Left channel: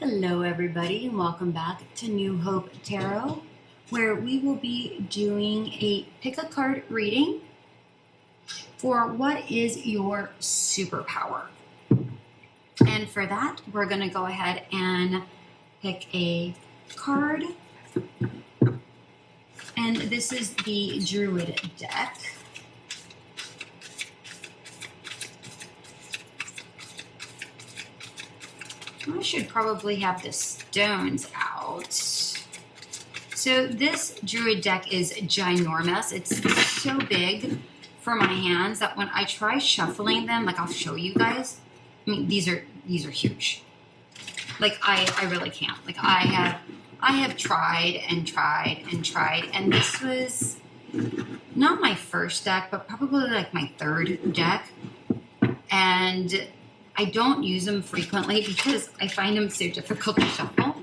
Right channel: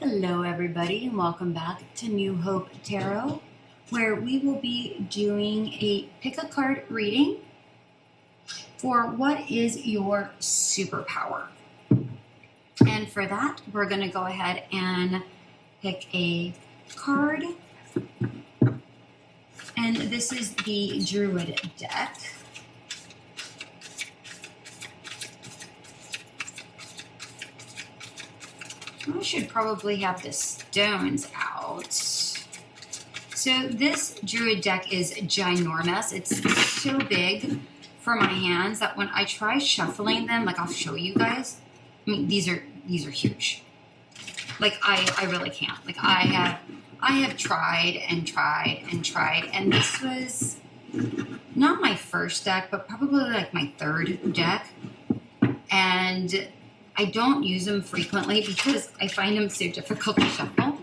Hello everybody and welcome back to New Hope Tarot, where we will be doing a pick a card reading for what is your superpower. And for that, we're going to go ahead and pick a card. And this is the Druid deck. I should probably have the stones out. So this Druid deck is ginormous. It's so big for my hands that when I try shuffling them, like I'll show you guys. I mean, these are huge. Like I really can't. Like I have tried and tried and tried, and this was not my first deck, but probably like my third deck. And I don't use them frequently because I find them so difficult to shuffle.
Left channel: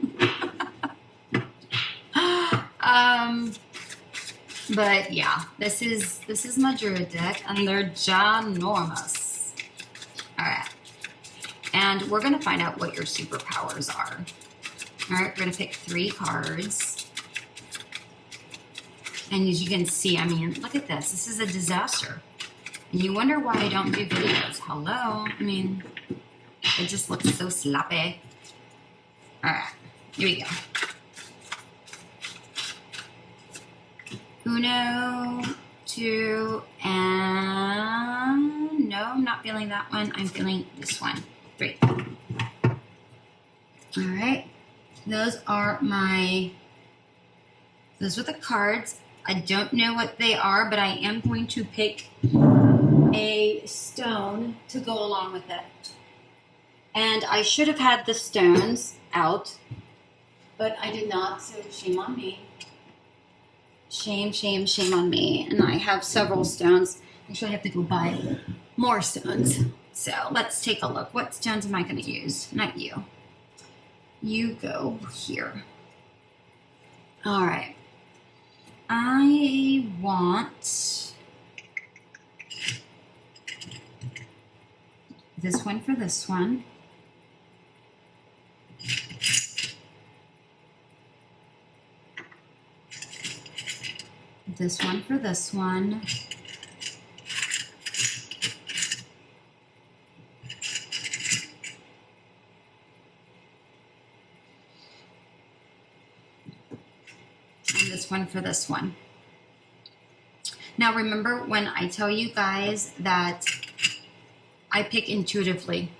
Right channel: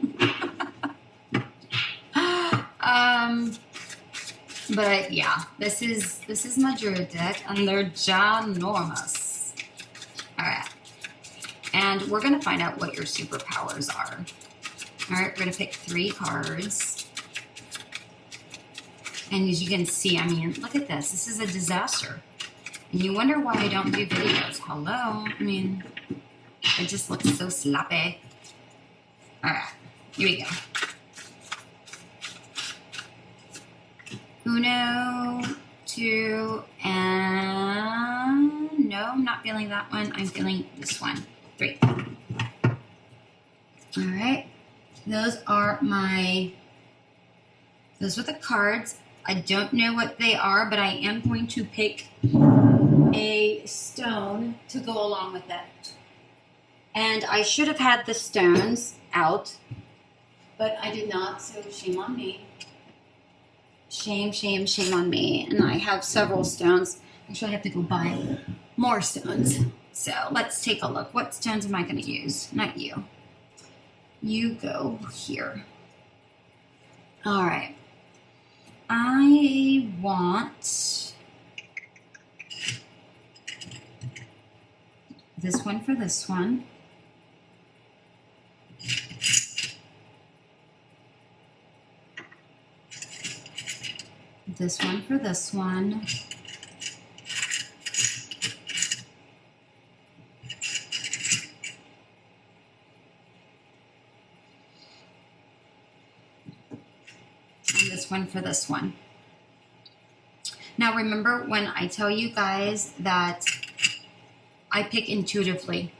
But yeah, this is my Druid deck, and they're ginormous. All right, and we're gonna find out what your superpowers are. All right, we're gonna pick 3 cards, and as you can see, I mean, look at this. This is a disaster. And you wonder why I don't do videos. Hello? I mean, it just looks so sloppy. All right, here we go. Uno, 2, and no, I'm not feeling that one. I'm feeling this one. 3. All right, those are the cards. I don't know what they are, but I am going to pick a stone to go along with it. And I should have had the stones out, but I did not, so shame on me. Shame, shame, shame on me. And I have several stones. Actually, I have to go buy more stones. So let's take a look. What stones am I going to use? Not you. You go here. All right. I want this one for this one. This one for this one. And this one for this one. Now remember when I tell you guys that I pick intuitively.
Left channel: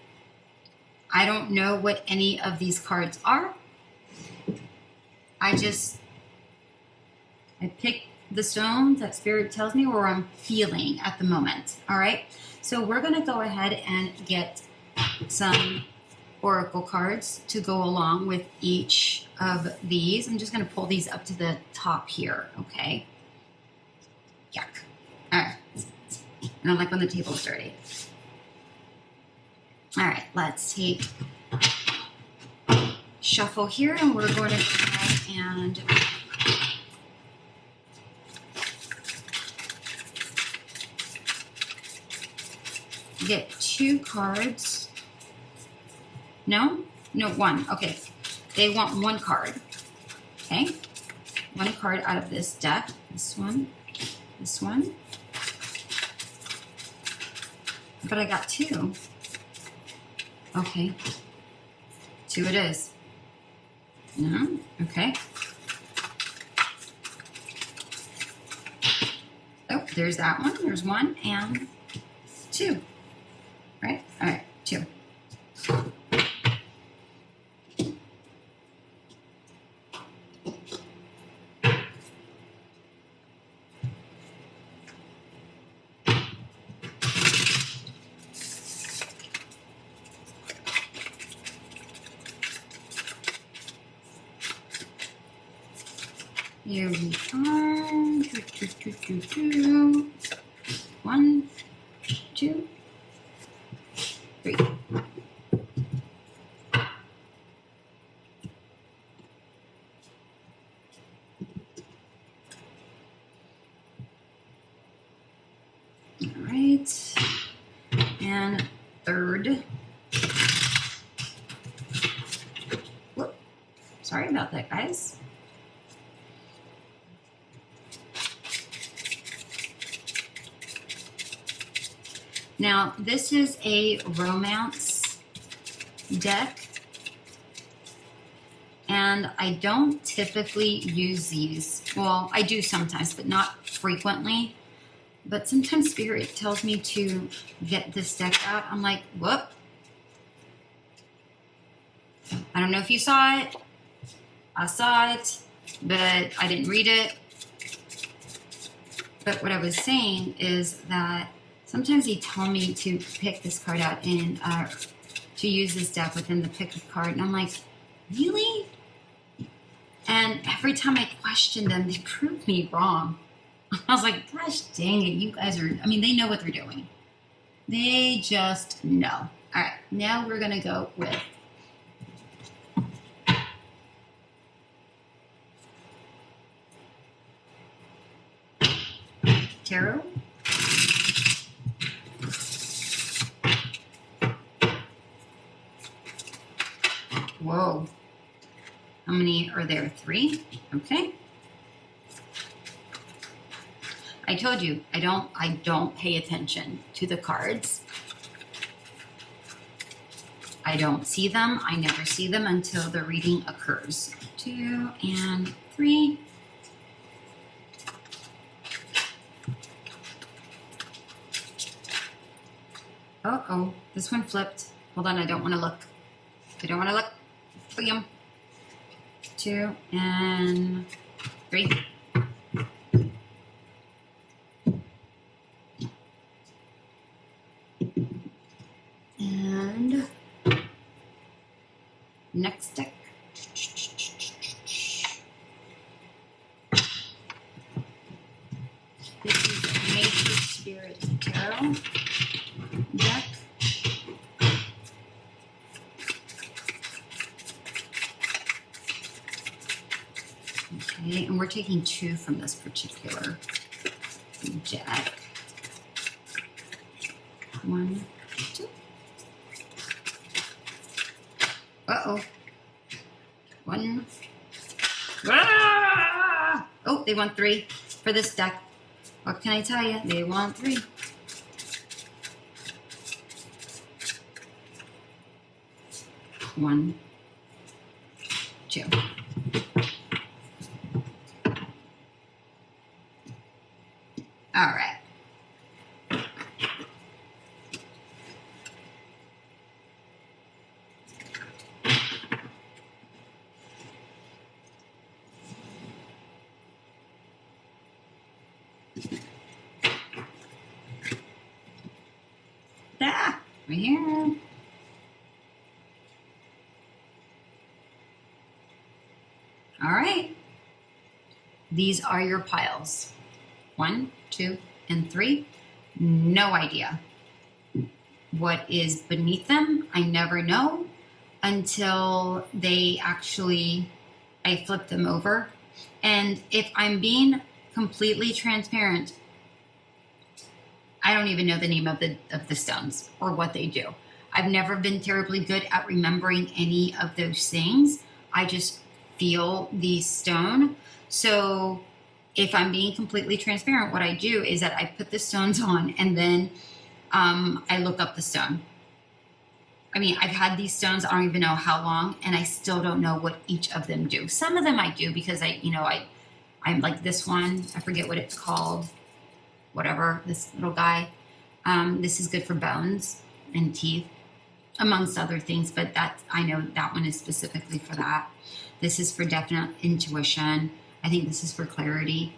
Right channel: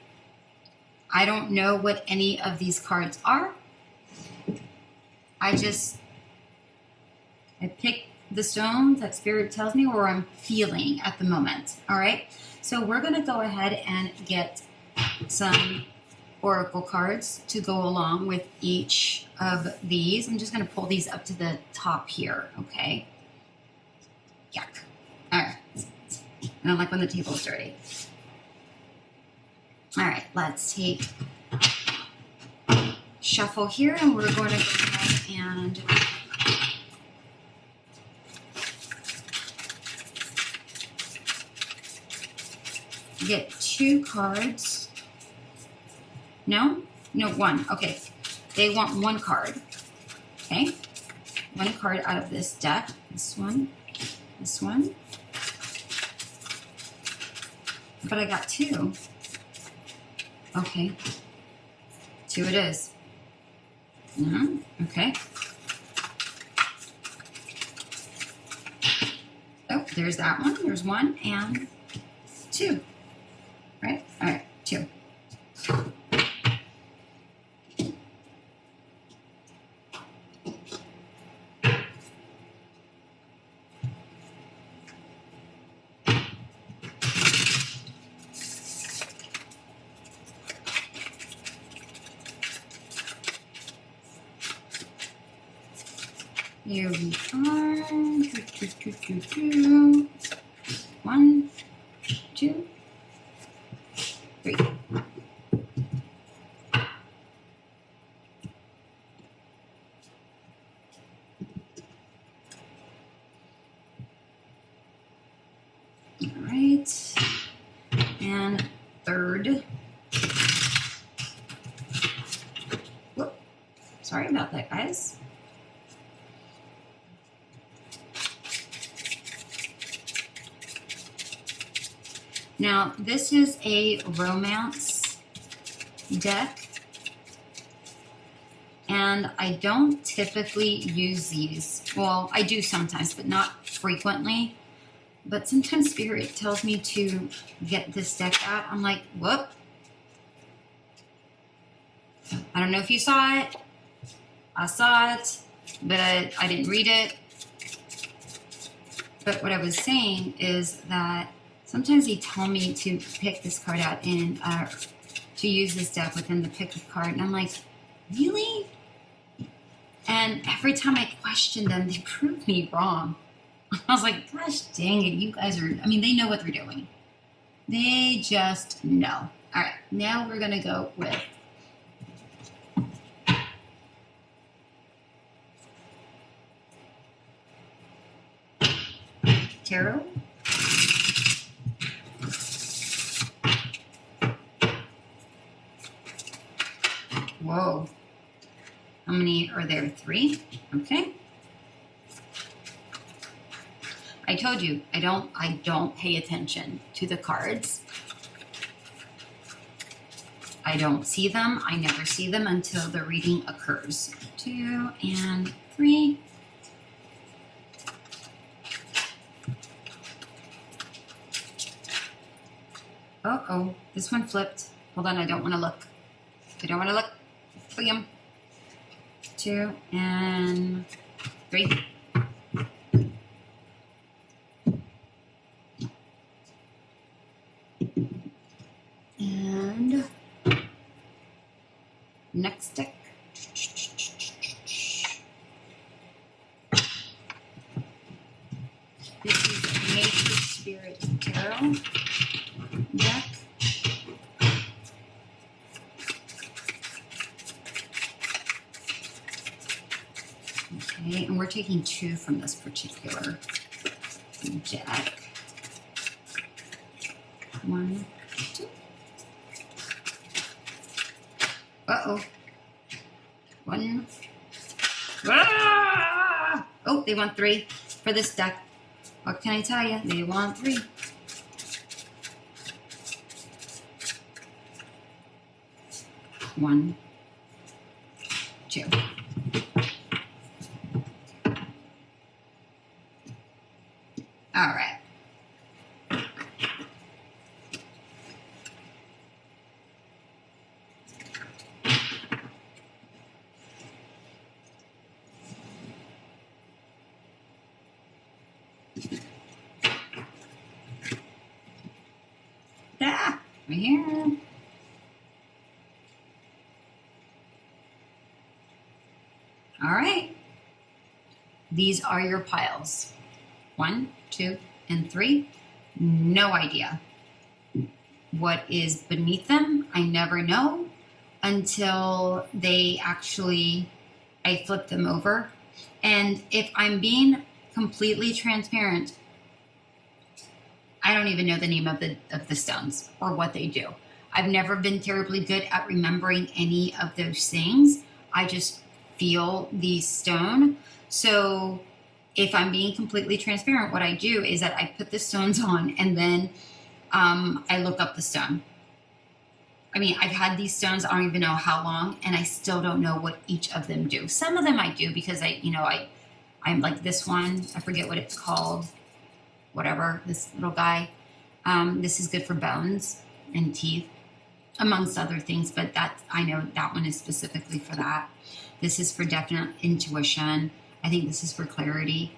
I don't know what any of these cards are. I pick the stones that Spirit tells me or I'm feeling at the moment. All right. So we're going to go ahead and get some oracle cards to go along with each of these. I'm just going to pull these up to the top here. Okay. Yuck. All right. I don't like when the table's dirty. All right. Let's take shuffle here, and we're going to go ahead and get 2 cards. No, 1. Okay. They want 1 card. Okay. 1 card out of this deck. This one. This one. But I got 2. Okay. 2 it is. No. Okay. Oh, there's that one. There's 1 and 2. Right? All right. 2. Here we are. 1, 2, 3. All right. And third. it, guys. Now, this is a romance deck, and I don't typically use these. Well, I do sometimes, but not frequently. But sometimes Spirit tells me to get this deck out. I'm like, whoop. I don't know if you saw it. I saw it, but I didn't read it. But what I was saying is that sometimes he told me to pick this card out and to use this deck within the pick a card. And I'm like, really? And every time I questioned them, they proved me wrong. I was like, gosh dang it, you guys are, I mean, they know what they're doing. They just know. All right, now we're going to go with tarot. Whoa. How many are there? 3? Okay. I told you, I don't pay attention to the cards. I don't see them. I never see them until the reading occurs. 2 and 3. Uh-oh, this one flipped. Hold on, I don't want to look. I don't want to look. Bam. 2 and 3. And next deck. This is Nature Spirit Tarot deck. Okay, and we're taking 2 from this particular deck. 1, 2. Uh-oh. 1. Ah! Oh, they want 3 for this deck. What can I tell you? They want 3. One, 2. All right. Ah, right here. All right. These are your piles. 1, 2, and 3. No idea what is beneath them. I never know until I flip them over. And if I'm being completely transparent, I don't even know the name of the stones or what they do. I've never been terribly good at remembering any of those things. I just feel the stone. So if I'm being completely transparent, what I do is that I put the stones on and then I look up the stone. I mean, I've had these stones, I don't even know how long, and I still don't know what each of them do. Some of them I do because I'm like this one, I forget what it's called, whatever, this little guy. This is good for bones and teeth, amongst other things, but I know that one is specifically for that. This is for definite intuition. I think this is for clarity.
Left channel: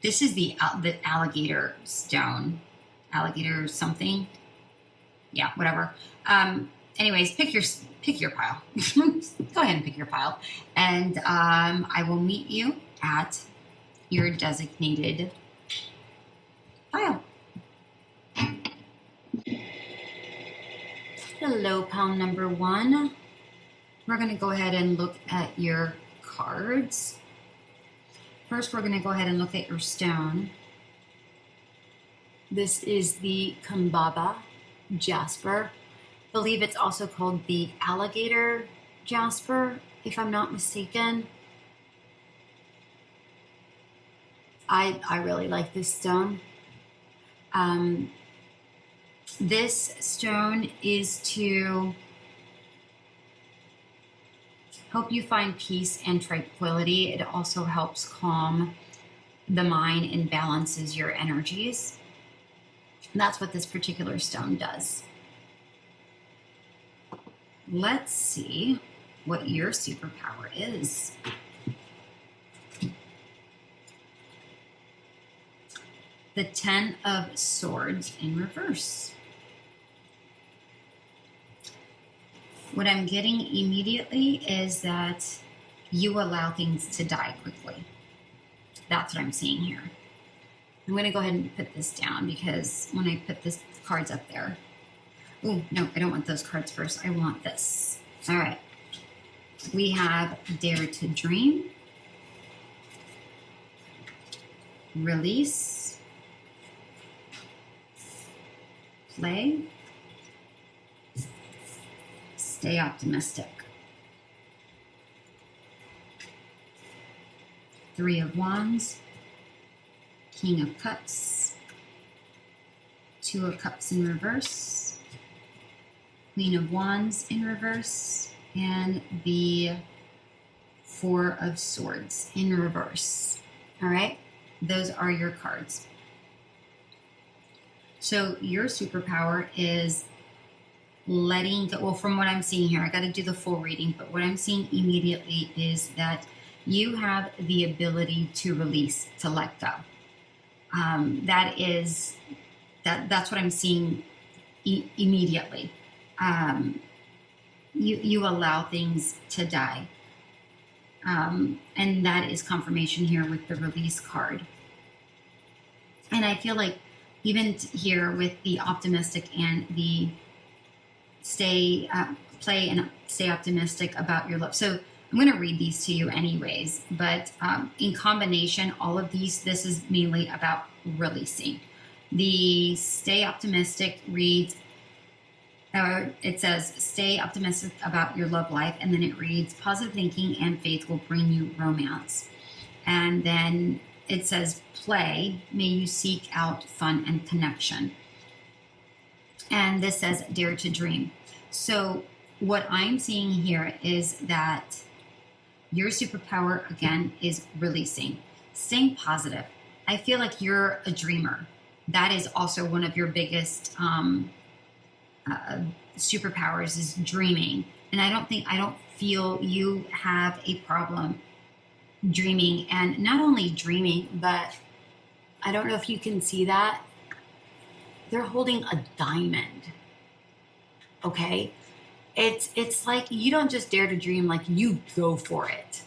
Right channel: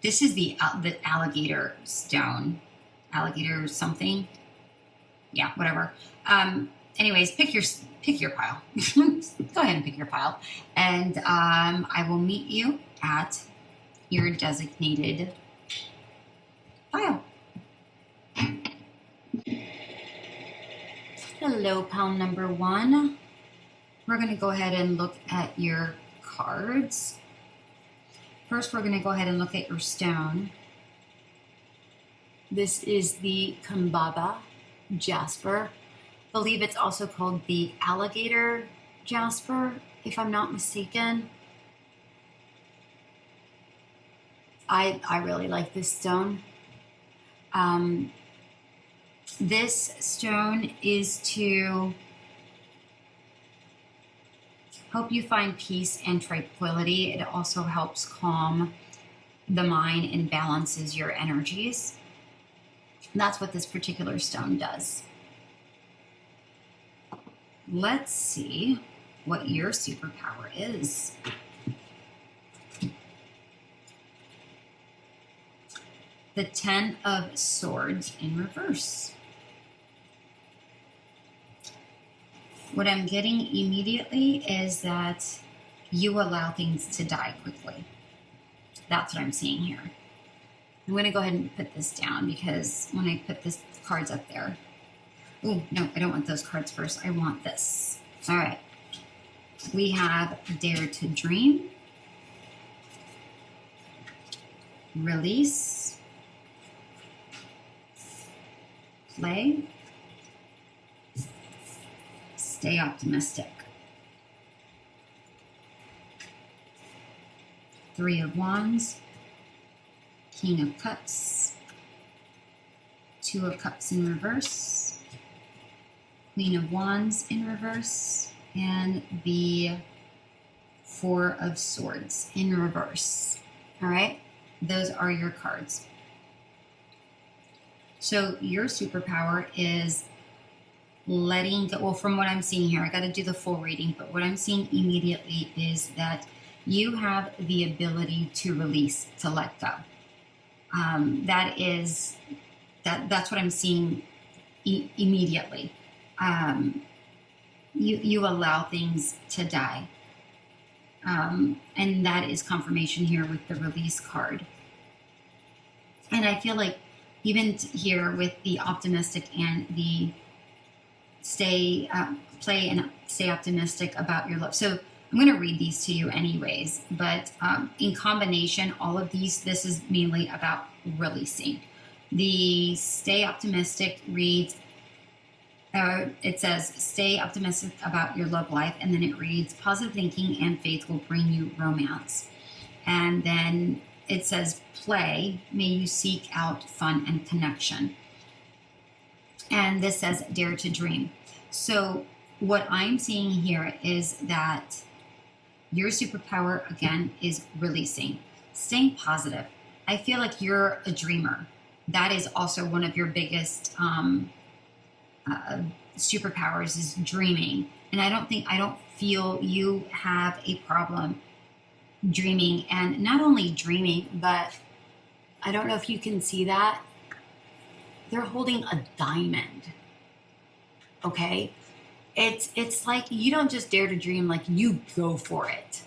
This is the alligator stone. Alligator something. Yeah, whatever. Anyways, pick your pile. Go ahead and pick your pile. And I will meet you at your designated pile. Hello, pile number 1. We're going to go ahead and look at your cards. First, we're going to go ahead and look at your stone. This is the KABABA Jasper. believe it's also called the alligator jasper, if I'm not mistaken. I really like this stone. This stone is to help you find peace and tranquility. It also helps calm the mind and balances your energies. That's what this particular stone does. Let's see what your superpower is. The 10 of Swords in reverse. What I'm getting immediately is that you allow things to die quickly. That's what I'm seeing here. I'm going to go ahead and put this down because when I put this cards up there. Oh, no, I don't want those cards first. I want this. All right. We have Dare to Dream. Release. Play. Stay optimistic. 3 of Wands. King of Cups. 2 of Cups in reverse. Queen of Wands in reverse. And the 4 of Swords in reverse. All right? Those are your cards. So your superpower is letting go. Well, from what I'm seeing here, I got to do the full reading, but what I'm seeing immediately is that you have the ability to release, to let go. That's what I'm seeing immediately. You allow things to die. And that is confirmation here with the release card. And I feel like even here with the optimistic and the play and stay optimistic about your love. So I'm going to read these to you anyways, but in combination, all of these, this is mainly about releasing. The stay optimistic reads, it says, stay optimistic about your love life. And then it reads, positive thinking and faith will bring you romance. And then it says, play, may you seek out fun and connection. And this says, dare to dream. So what I'm seeing here is that your superpower, again, is releasing, staying positive. I feel like you're a dreamer. That is also one of your biggest superpowers, is dreaming. And I don't feel you have a problem dreaming. And not only dreaming, but I don't know if you can see that. They're holding a diamond. Okay? It's like you don't just dare to dream, like you go for it.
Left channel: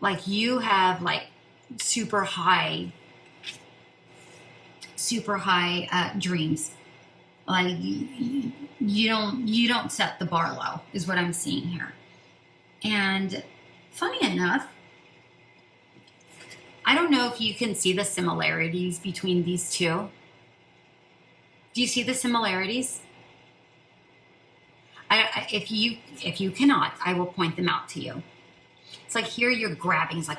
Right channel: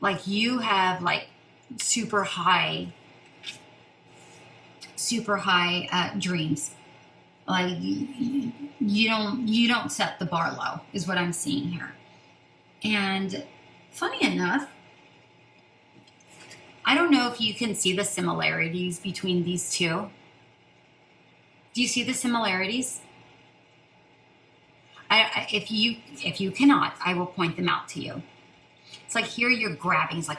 Like you have like super high dreams. Like you don't set the bar low, is what I'm seeing here. And funny enough, I don't know if you can see the similarities between these two. Do you see the similarities? If you cannot, I will point them out to you. It's like here you're grabbing. It's like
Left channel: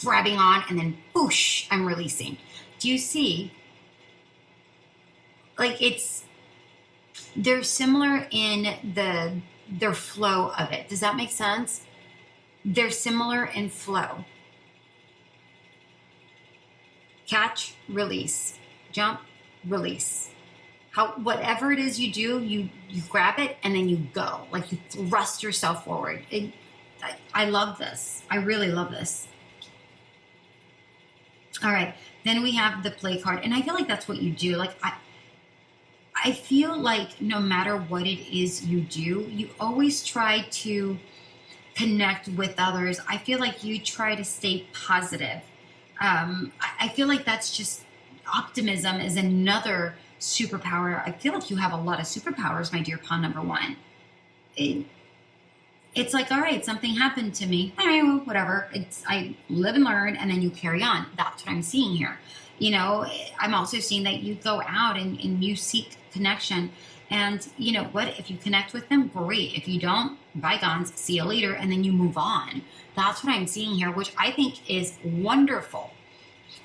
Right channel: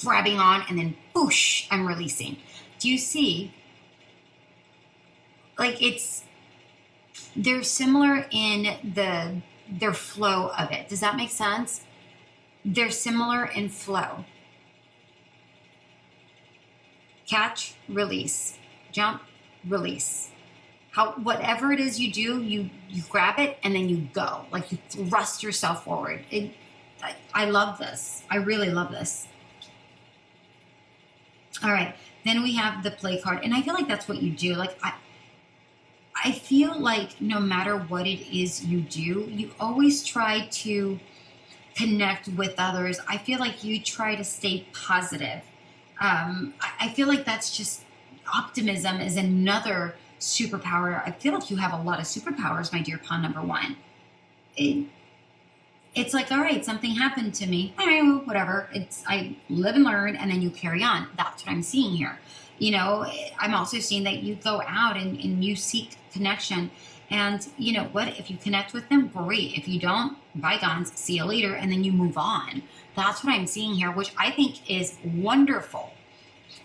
grabbing on, and then boosh, I'm releasing. Do you see? Like they're similar in their flow of it. Does that make sense? They're similar in flow. Catch, release, jump, release. Whatever it is you do, you grab it and then you go. Like you thrust yourself forward. I love this. I really love this. All right. Then we have the play card. And I feel like that's what you do. Like I feel like no matter what it is you do, you always try to connect with others. I feel like you try to stay positive. I feel like that's just optimism is another superpower. I feel like you have a lot of superpowers, my dear pawn number one. It's like, all right, something happened to me. All right, well, whatever. I live and learn, and then you carry on. That's what I'm seeing here. You know, I'm also seeing that you go out and you seek connection, And you know what? If you connect with them, great. If you don't, bygones, see you later, and then you move on. That's what I'm seeing here, which I think is wonderful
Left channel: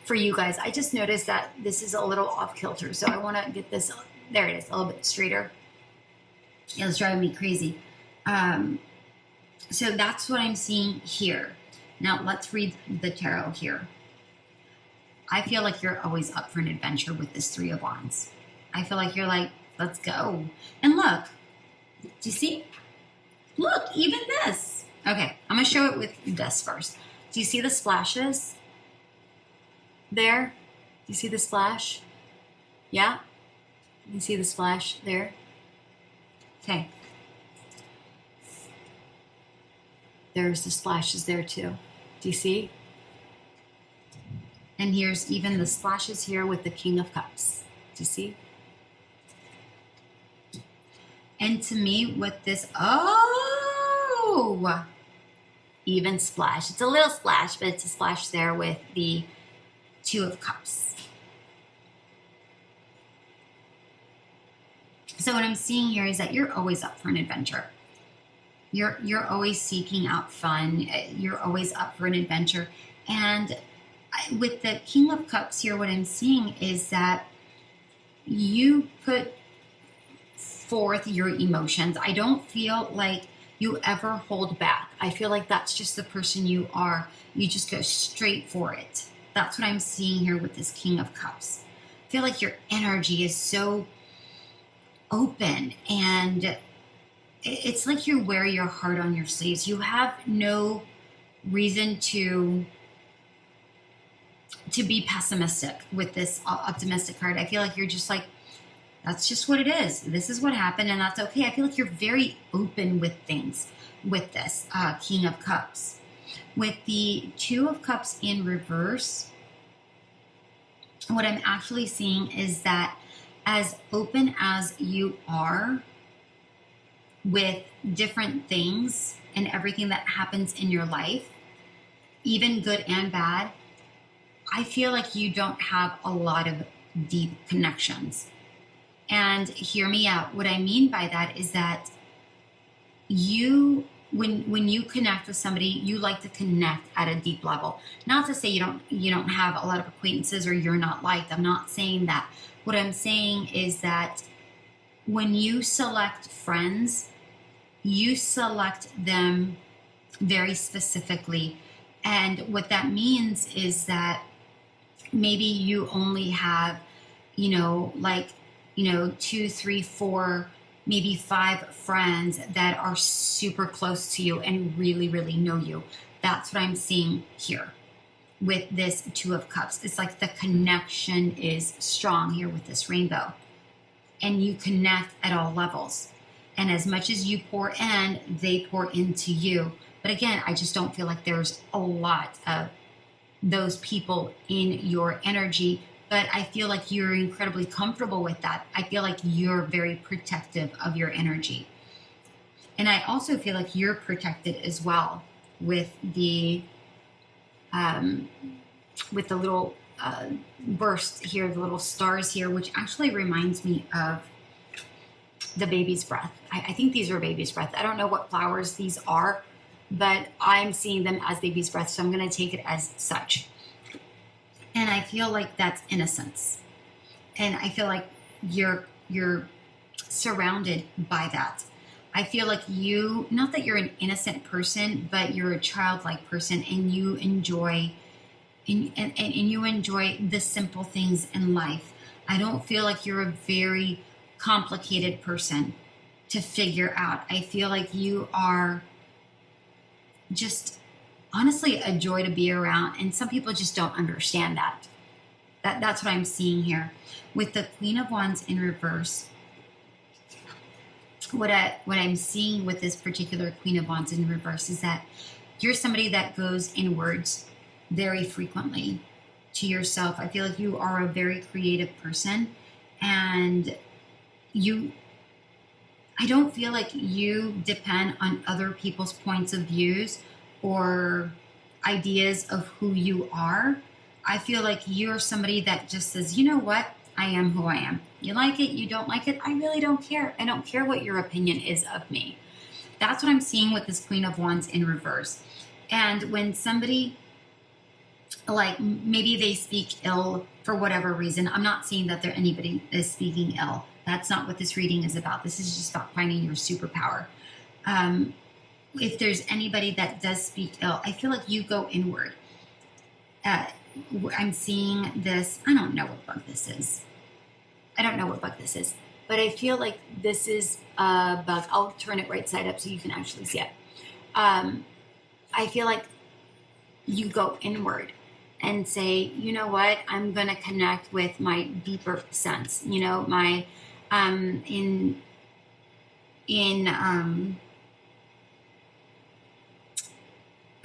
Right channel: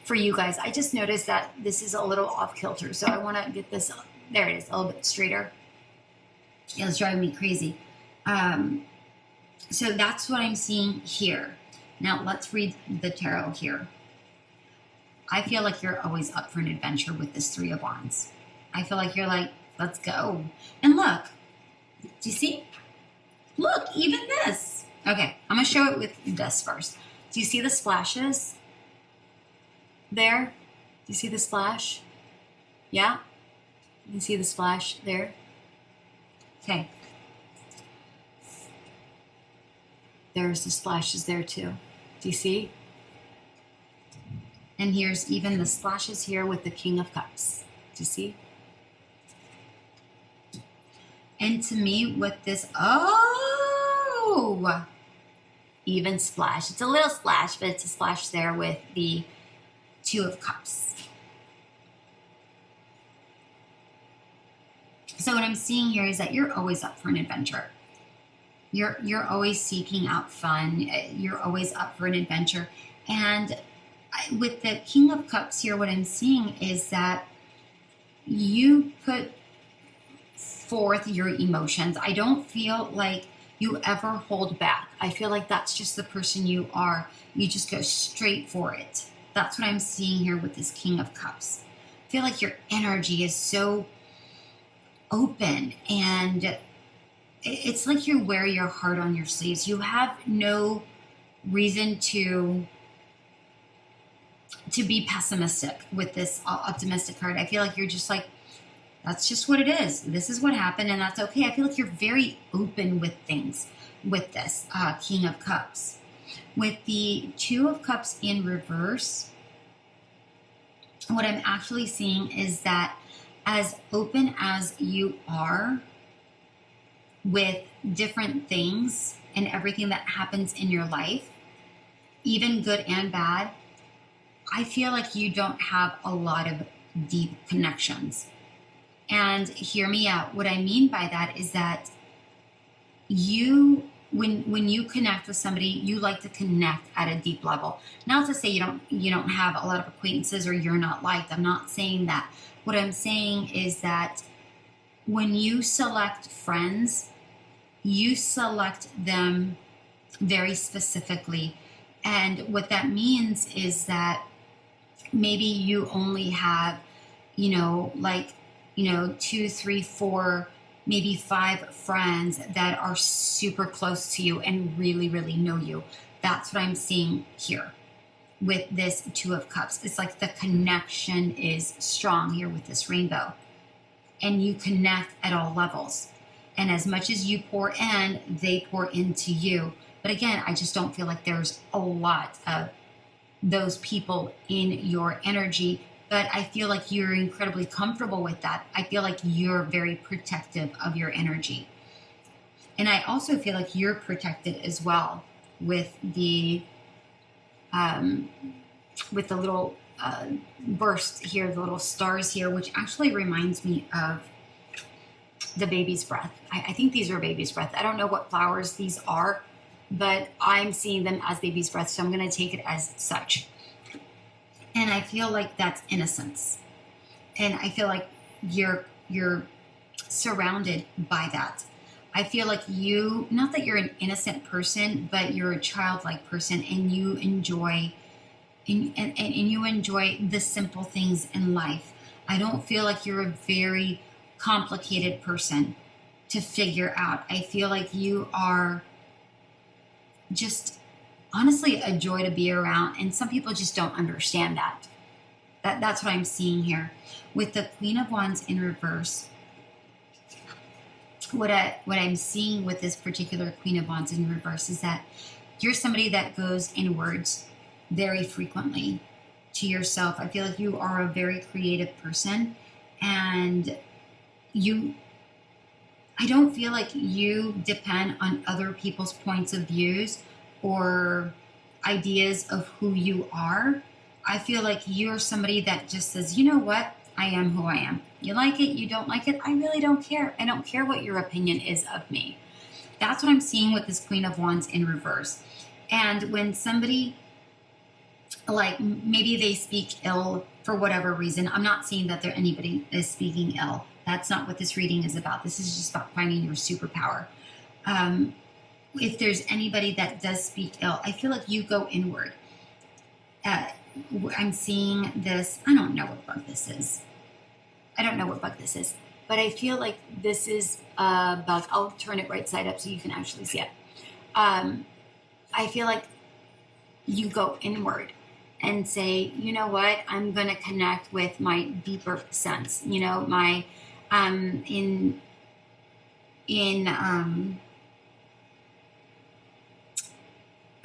for you guys. I just noticed that this is a little off kilter, so I want to get this, there it is, a little bit straighter. It was driving me crazy. So that's what I'm seeing here. Now let's read the tarot here. I feel like you're always up for an adventure with this Three of Wands. I feel like you're like, let's go. And look, do you see? Look, even this. Okay, I'm going to show it with this first. Do you see the splashes there? Do you see the splash? Yeah? You can see the splash there? Okay. There's the splashes there too. Do you see? And here's even the splashes here with the King of Cups. Do you see? And to me, with this, oh, even splash. It's a little splash, but it's a splash there with the Two of Cups. So what I'm seeing here is that you're always up for an adventure. You're always seeking out fun. You're always up for an adventure. And with the King of Cups here, what I'm seeing is that you put forth your emotions. I don't feel like you ever hold back. I feel like that's just the person you are. You just go straight for it. That's what I'm seeing here with this King of Cups. I feel like your energy is so open, and it's like you wear your heart on your sleeves. You have no reason to be pessimistic with this optimistic card. I feel like you're just like, that's just what it is. This is what happened, and that's okay. I feel like you're very open with things with this King of Cups. With the Two of Cups in reverse, what I'm actually seeing is that as open as you are with different things and everything that happens in your life, even good and bad, I feel like you don't have a lot of deep connections. And hear me out. What I mean by that is that you, when you connect with somebody, you like to connect at a deep level. Not to say you don't have a lot of acquaintances or you're not liked. I'm not saying that. What I'm saying is that when you select friends, you select them very specifically. And what that means is that maybe you only have, 2, 3, 4, maybe 5 friends that are super close to you and really, really know you. That's what I'm seeing here with this Two of Cups. It's like the connection is strong here with this rainbow. And you connect at all levels. And as much as you pour in, they pour into you. But again, I just don't feel like there's a lot of those people in your energy. But I feel like you're incredibly comfortable with that. I feel like you're very protective of your energy. And I also feel like you're protected as well with the little burst here, the little stars here, which actually reminds me of the baby's breath. I think these are baby's breath. I don't know what flowers these are, but I'm seeing them as baby's breath, so I'm going to take it as such. And I feel like that's innocence. And I feel like you're surrounded by that. I feel like not that you're an innocent person, but you're a childlike person, and you enjoy and you enjoy the simple things in life. I don't feel like you're a very complicated person to figure out. I feel like you are just honestly a joy to be around, and some people just don't understand that. That's what I'm seeing here. With the Queen of Wands in reverse, what I'm seeing with this particular Queen of Wands in reverse is that you're somebody that goes inwards very frequently to yourself. I feel like you are a very creative person, and I don't feel like you depend on other people's points of views or ideas of who you are. I feel like you're somebody that just says, you know what? I am who I am. You like it, you don't like it, I really don't care. I don't care what your opinion is of me. That's what I'm seeing with this Queen of Wands in reverse. And when somebody, like maybe they speak ill for whatever reason, I'm not seeing that anybody is speaking ill. That's not what this reading is about. This is just about finding your superpower. If there's anybody that does speak ill, I feel like you go inward. I'm seeing this. I don't know what bug this is. But I feel like this is a bug. I'll turn it right side up so you can actually see it. I feel like you go inward and say, you know what, I'm going to connect with my deeper sense, you know, my, in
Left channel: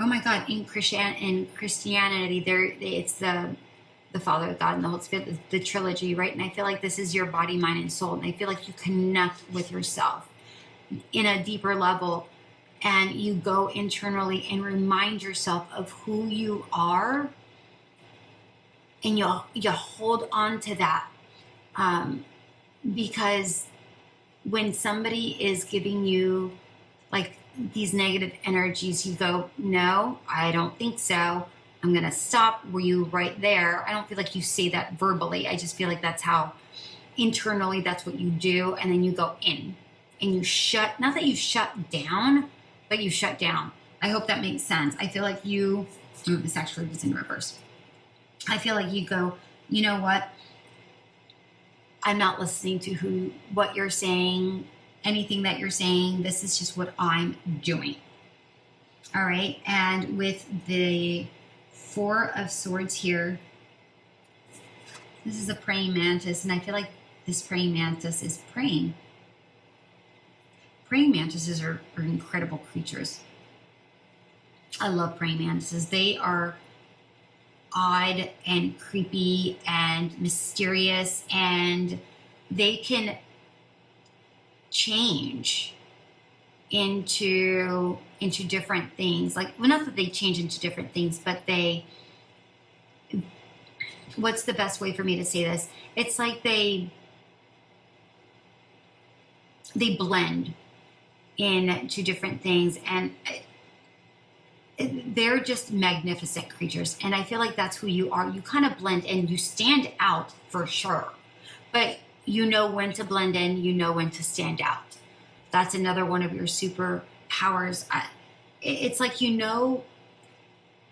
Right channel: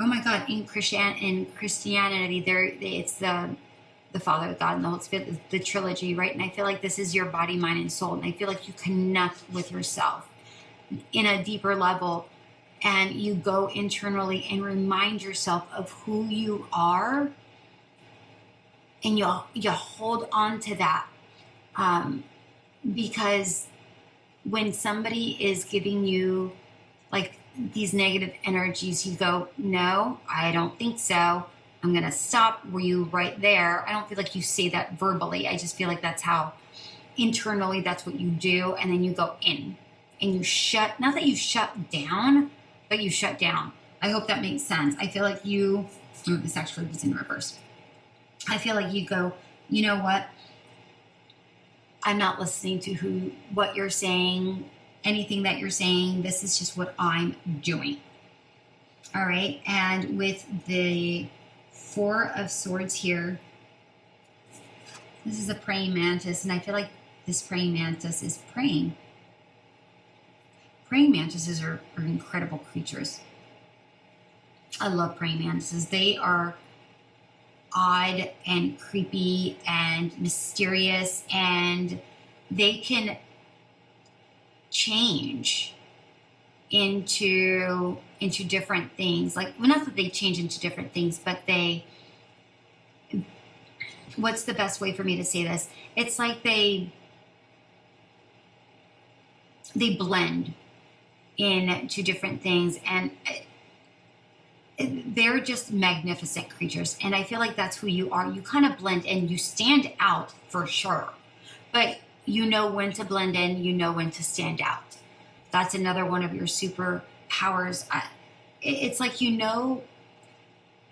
oh my God, in Christianity, it's the Father, God, and the Holy Spirit, the trilogy, right? And I feel like this is your body, mind, and soul. And I feel like you connect with yourself in a deeper level, and you go internally and remind yourself of who you are, and you hold on to that, because when somebody is giving you like these negative energies, you go, no, I don't think so. I'm going to stop you right there. I don't feel like you say that verbally. I just feel like that's how internally that's what you do. And then you go in and you shut, not that you shut down, but you shut down. I hope that makes sense. I feel like this actually was in reverse. I feel like you go, you know what? I'm not listening to what you're saying, anything that you're saying. This is just what I'm doing. All right. And with the Four of Swords here, this is a praying mantis, and I feel like this praying mantis is praying. Praying mantises are incredible creatures. I love praying mantises. They are odd and creepy and mysterious, and they can change into different things. Like, well, not that they change into different things, but what's the best way for me to say this? It's like they blend into different things, and they're just magnificent creatures. And I feel like that's who you are. You kind of blend in, you stand out for sure, but you know when to blend in, you know when to stand out. That's another one of your superpowers. It's like you know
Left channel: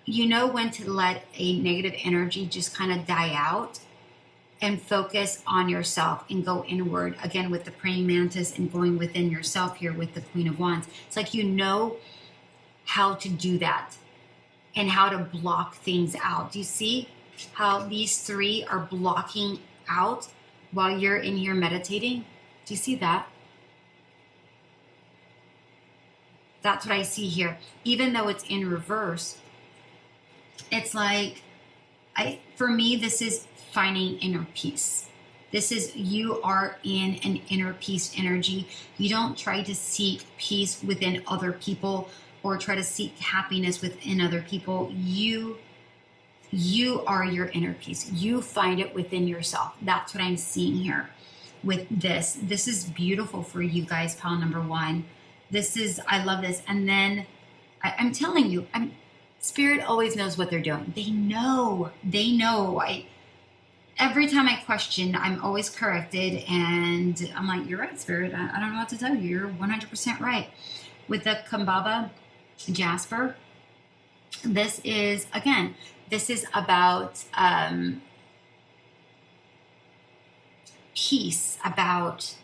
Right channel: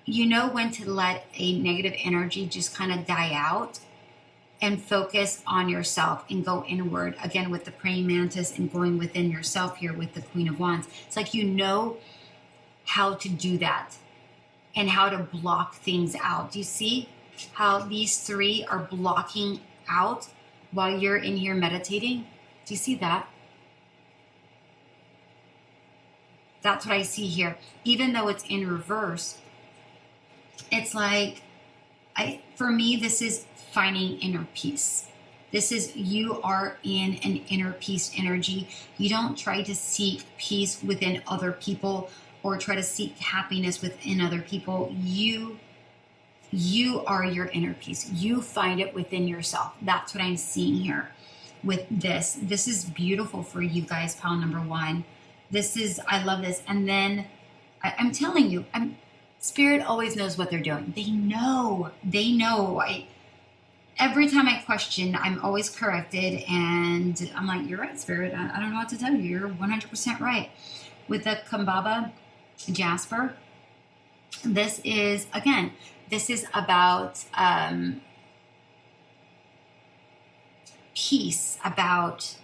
when to let a negative energy just kind of die out and focus on yourself and go inward. Again, with the praying mantis and going within yourself here with the Queen of Wands. It's like you know how to do that and how to block things out. Do you see how these three are blocking out while you're in here meditating? Do you see that? That's what I see here. Even though it's in reverse, it's like, for me, this is finding inner peace. This is, you are in an inner peace energy. You don't try to seek peace within other people or try to seek happiness within other people. You are your inner peace. You find it within yourself. That's what I'm seeing here with this. This is beautiful for you guys, pile number one. I love this. And then I'm telling you, Spirit always knows what they're doing. They know. Every time I question, I'm always corrected. And I'm like, you're right, Spirit. I don't know what to tell you. You're 100% right. With the KABABA Jasper, this is about peace, about,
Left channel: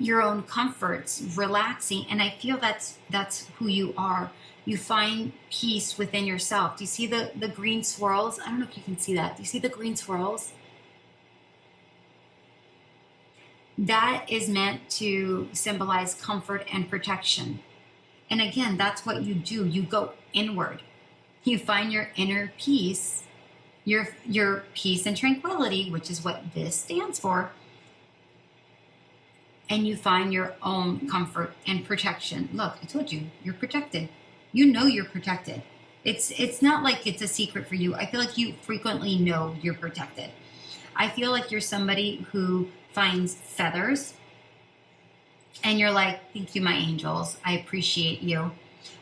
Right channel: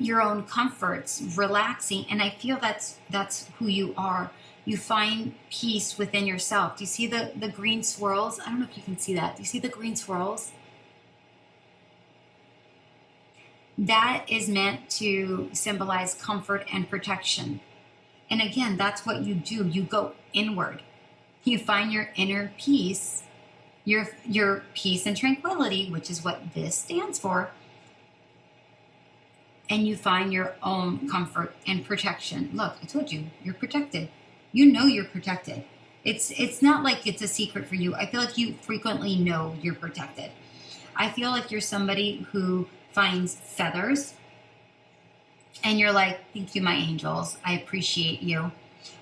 your own comforts, relaxing. And I feel that's who you are. You find peace within yourself. Do you see the green swirls? I don't know if you can see that. Do you see the green swirls? That is meant to symbolize comfort and protection. And again, that's what you do. You go inward. You find your inner peace, your peace and tranquility, which is what this stands for. And you find your own comfort and protection. Look, I told you, you're protected. You know you're protected. It's not like it's a secret for you. I feel like you frequently know you're protected. I feel like you're somebody who finds feathers and you're like, thank you, my angels. I appreciate you.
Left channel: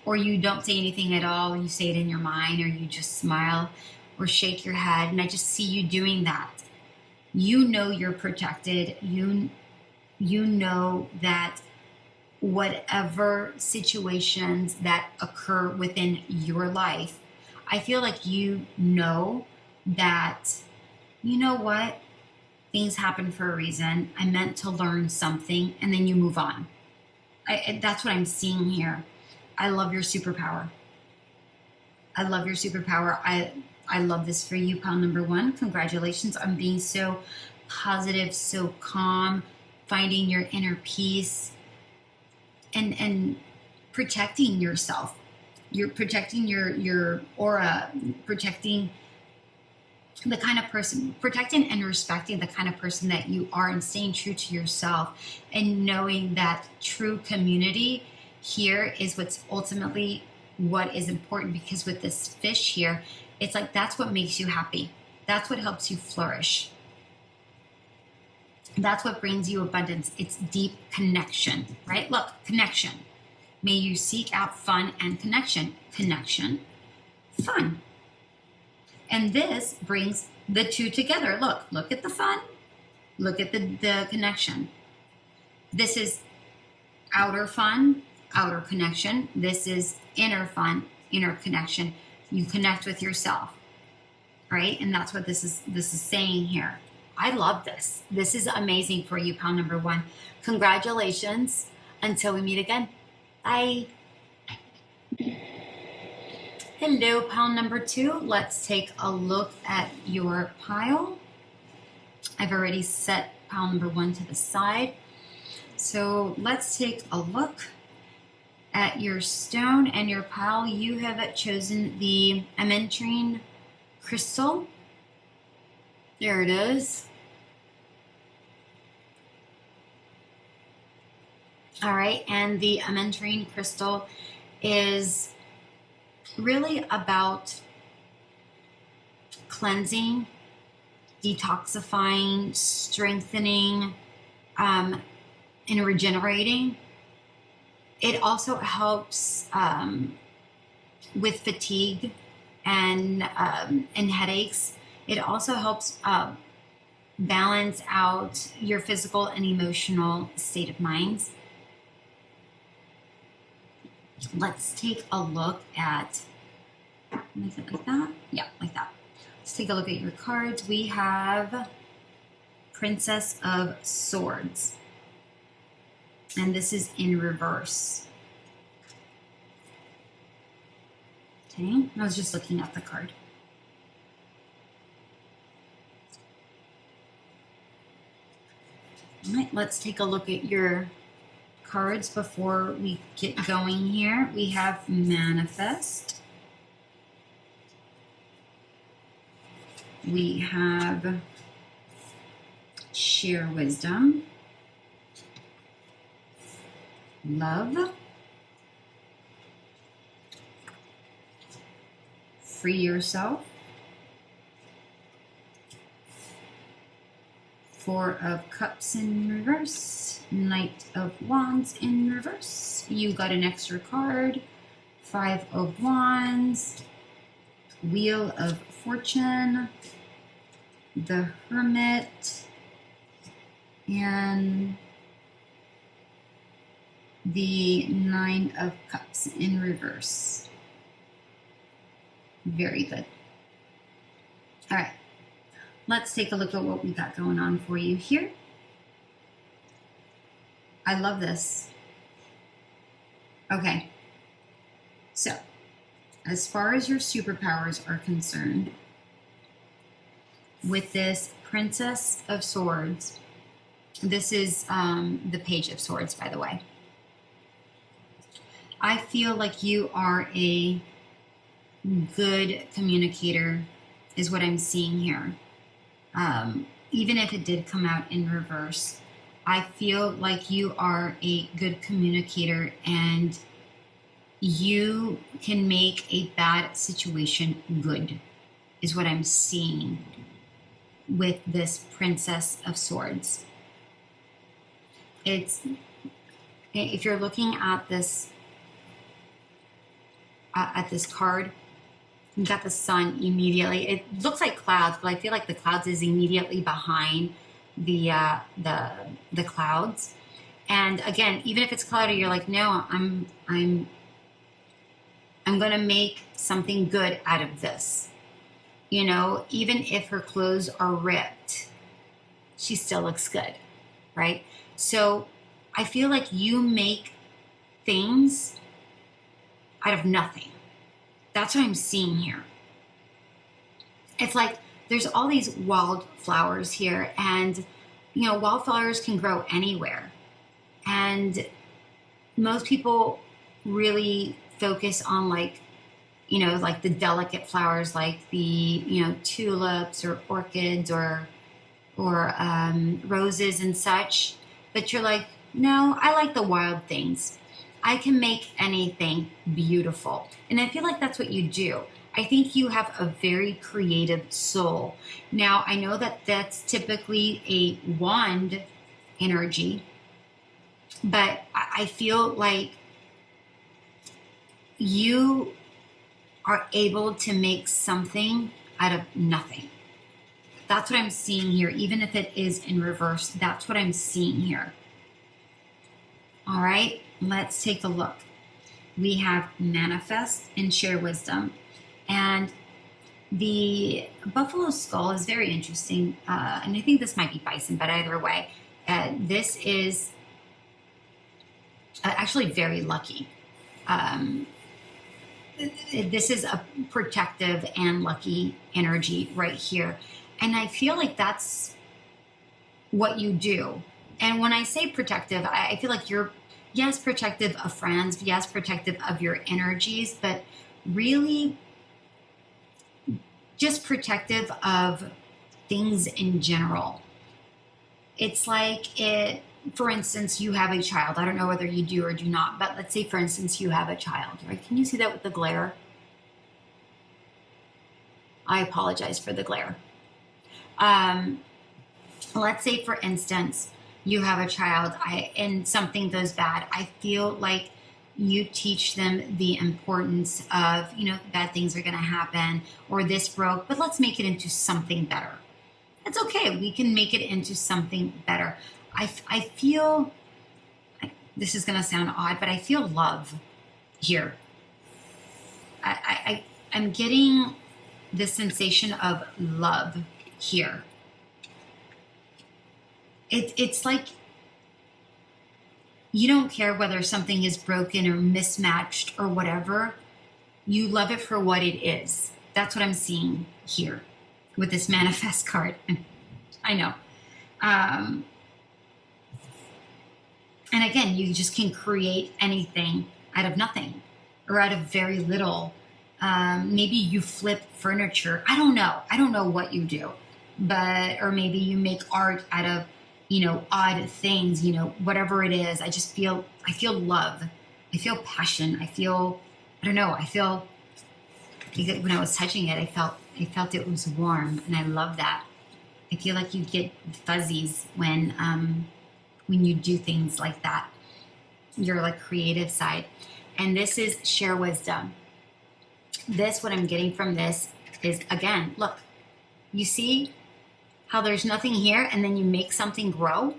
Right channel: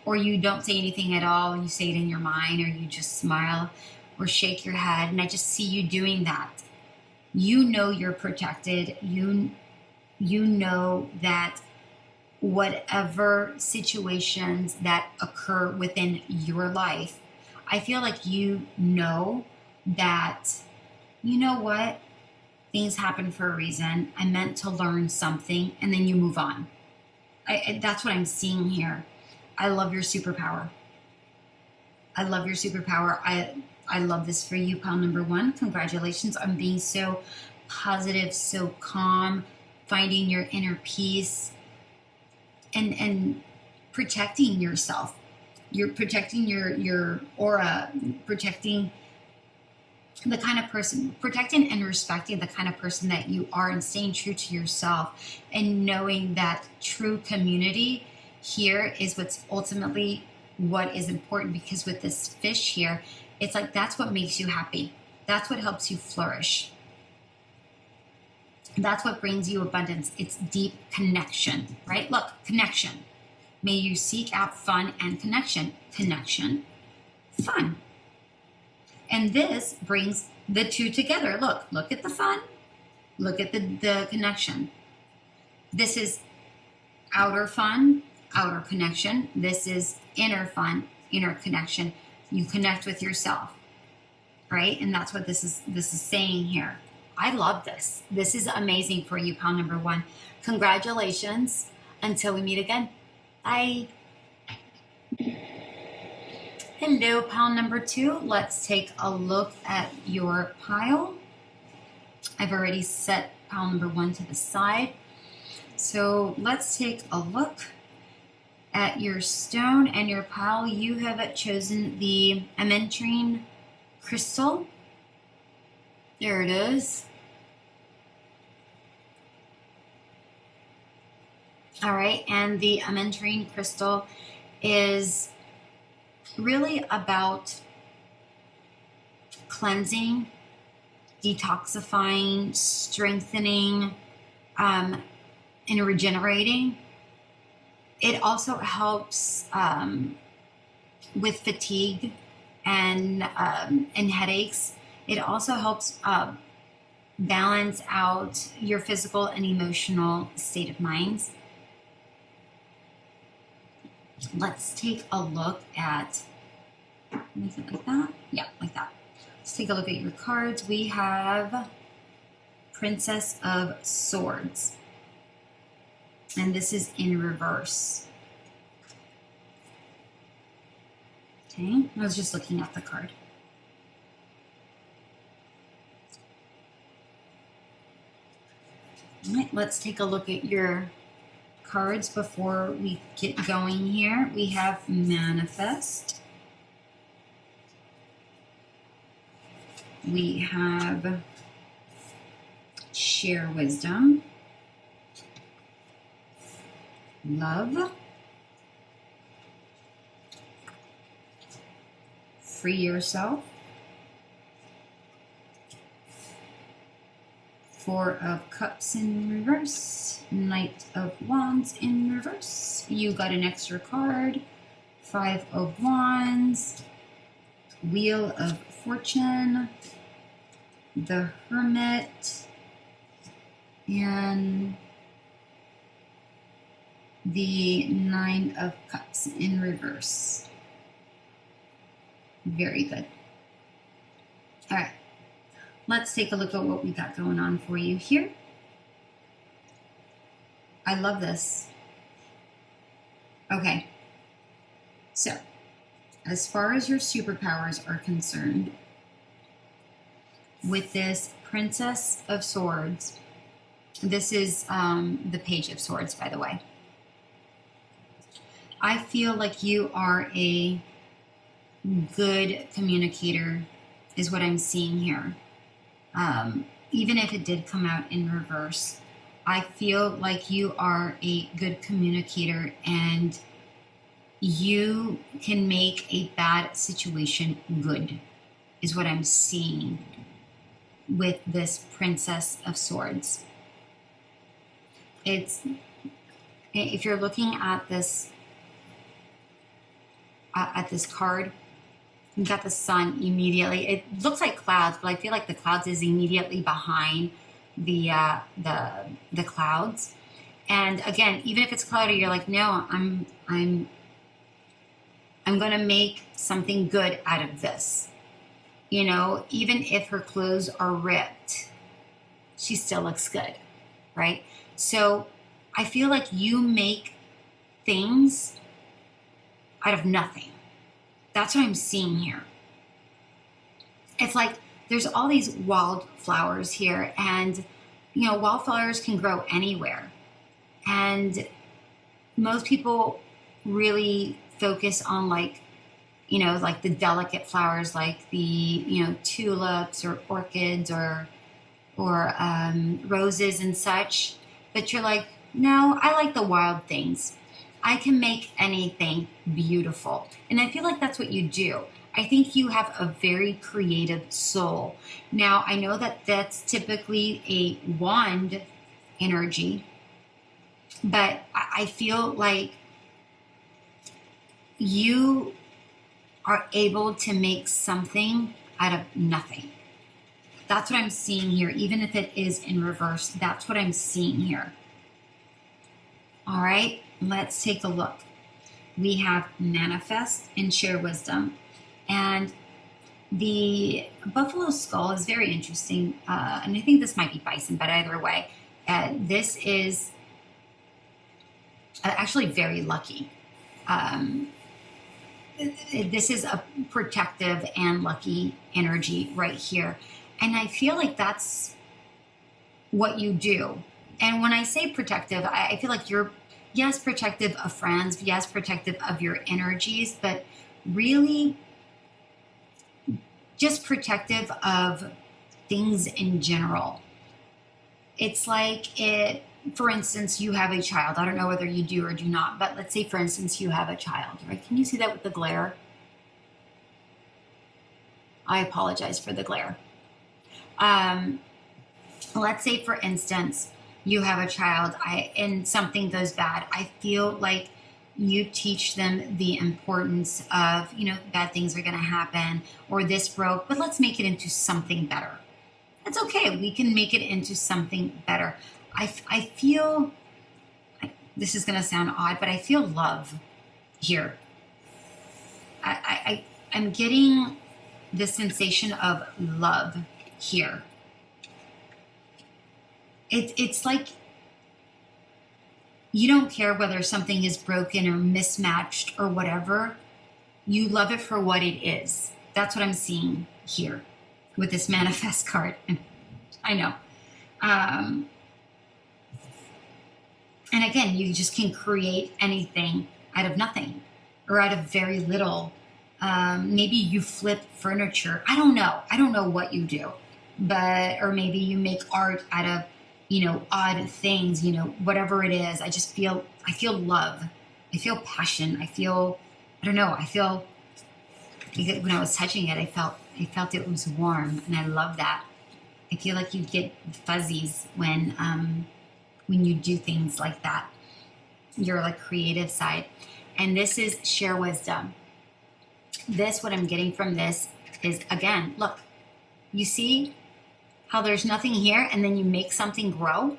Or you don't say anything at all. You say it in your mind, or you just smile or shake your head. And I just see you doing that. You know you're protected. You know that whatever situations that occur within your life, I feel like you know that, you know what? Things happen for a reason. I meant to learn something, and then you move on. That's what I'm seeing here. I love your superpower. I love your superpower. I love this for you, pile number 1. Congratulations on being so positive, so calm, finding your inner peace, and protecting yourself. You're protecting your aura, protecting the kind of person, protecting and respecting the kind of person that you are, and staying true to yourself, and knowing that true community here is what's ultimately what is important. Because with this fish here, it's like that's what makes you happy. That's what helps you flourish. That's what brings you abundance. It's deep connection, right? Look, connection. May you seek out fun and connection. Connection, fun. And this brings the two together. Look at the fun. Look at the connection. This is outer fun, outer connection. This is inner fun, inner connection. You connect with yourself, right? And that's what this is saying here. I love this. This is amazing for you, pile number 1. Congratulations. Until we meet again. Bye. Hello, pile number 2. Let's take a look at your pile. I've already set pile number 1 to the side. So let's take a look at your stone and your pile. You have chosen the AMETRINE crystal. There it is. All right, and the AMETRINE crystal is really about cleansing, detoxifying, strengthening, and regenerating. It also helps with fatigue and headaches. It also helps balance out your physical and emotional state of mind. Let's take a look at, make it like that. Yeah, like that. Let's take a look at your cards. We have Princess of Swords. And this is in reverse. Okay, I was just looking at the card. All right, let's take a look at your cards before we get going here. We have Manifest. We have Share Wisdom. Love. Free Yourself. 4 of Cups in reverse. Knight of Wands in reverse. You got an extra card. 5 of Wands. Wheel of Fortune. The Hermit. And the 9 of Cups in reverse. Very good. All right. Let's take a look at what we got going on for you here. I love this. Okay. So, as far as your superpowers are concerned, with this Princess of Swords, this is the Page of Swords, by the way. I feel like you are a good communicator, is what I'm seeing here. Even if it did come out in reverse, I feel like you are a good communicator, and you can make a bad situation good, is what I'm seeing with this Princess of Swords. It's, if you're looking at this card, you got the sun immediately. It looks like clouds, but I feel like the clouds is immediately behind the clouds. And again, even if it's cloudy, you're like, no, I'm gonna make something good out of this. You know, even if her clothes are ripped, she still looks good, right? So I feel like you make things out of nothing. That's what I'm seeing here. It's like there's all these wildflowers here, and you know, wildflowers can grow anywhere. And most people really focus on, like, you know, like the delicate flowers, like the, you know, tulips or orchids or roses and such. But you're like, no, I like the wild things. I can make anything beautiful. And I feel like that's what you do. I think you have a very creative soul. Now, I know that that's typically a wand energy, but I feel like you are able to make something out of nothing. That's what I'm seeing here. Even if it is in reverse, that's what I'm seeing here. All right, let's take a look. We have manifest and share wisdom. And the buffalo skull is very interesting. And I think this might be bison, but either way, this is actually very lucky. This is a protective and lucky energy right here. And I feel like that's what you do. And when I say protective, I feel like you're, yes, protective of friends, yes, protective of your energies, but really just protective of things in general. It's like for instance, you have a child. I don't know whether you do or do not, but let's say, for instance, you have a child, right? Can you see that with the glare? I apologize for the glare. Let's say, for instance, you have a child and something goes bad. I feel like you teach them the importance of, you know, bad things are going to happen, or this broke, but let's make it into something better. It's okay. We can make it into something better. I feel, this is going to sound odd, but I feel love here. I'm getting the sensation of love here. It's like you don't care whether something is broken or mismatched or whatever. You love it for what it is. That's what I'm seeing here with this manifest card. I know. And again, you just can create anything out of nothing or out of very little. Maybe you flip furniture. I don't know. I don't know what you do, or maybe you make art out of, you know, odd things, you know, whatever it is. I feel love. I feel passion. I don't know. When I was touching it, I felt it was warm, and I love that. I feel like you get fuzzies when you do things like that. Your like creative side. And this is share wisdom. What I'm getting from this is, again, look, you see how there's nothing here and then you make something grow?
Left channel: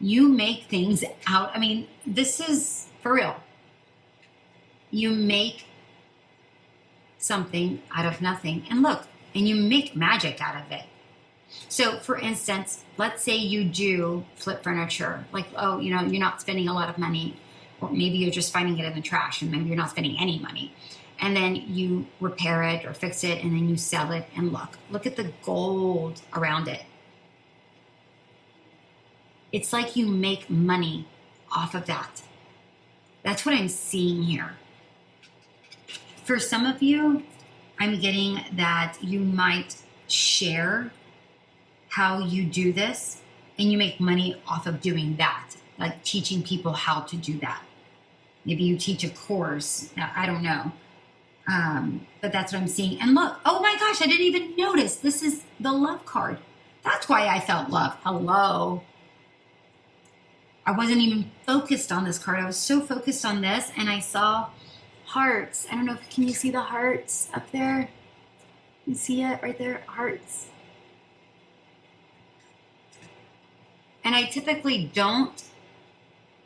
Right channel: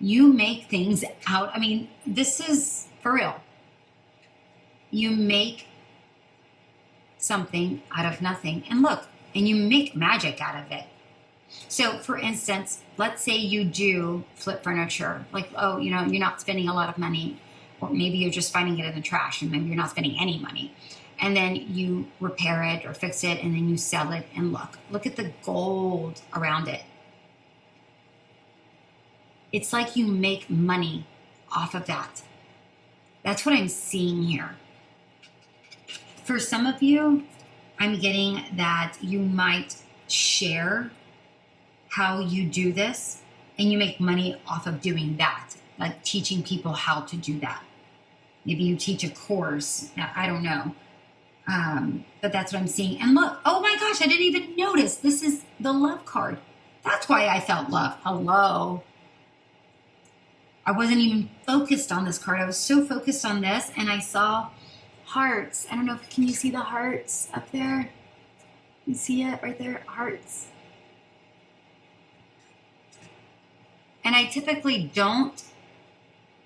You make things out. I mean, this is for real. You make something out of nothing. And look, and you make magic out of it. So, for instance, let's say you do flip furniture. Like, oh, you know, you're not spending a lot of money, or maybe you're just finding it in the trash and maybe you're not spending any money. And then you repair it or fix it and then you sell it, and look at the gold around it. It's like you make money off of that. That's what I'm seeing here. For some of you, I'm getting that you might share how you do this and you make money off of doing that, like teaching people how to do that. Maybe you teach a course. I don't know. But that's what I'm seeing. And look, oh my gosh, I didn't even notice. This is the love card. That's why I felt love. Hello. I wasn't even focused on this card. I was so focused on this, and I saw hearts. I don't know if, can you see the hearts up there? You see it right there? Hearts. And I typically don't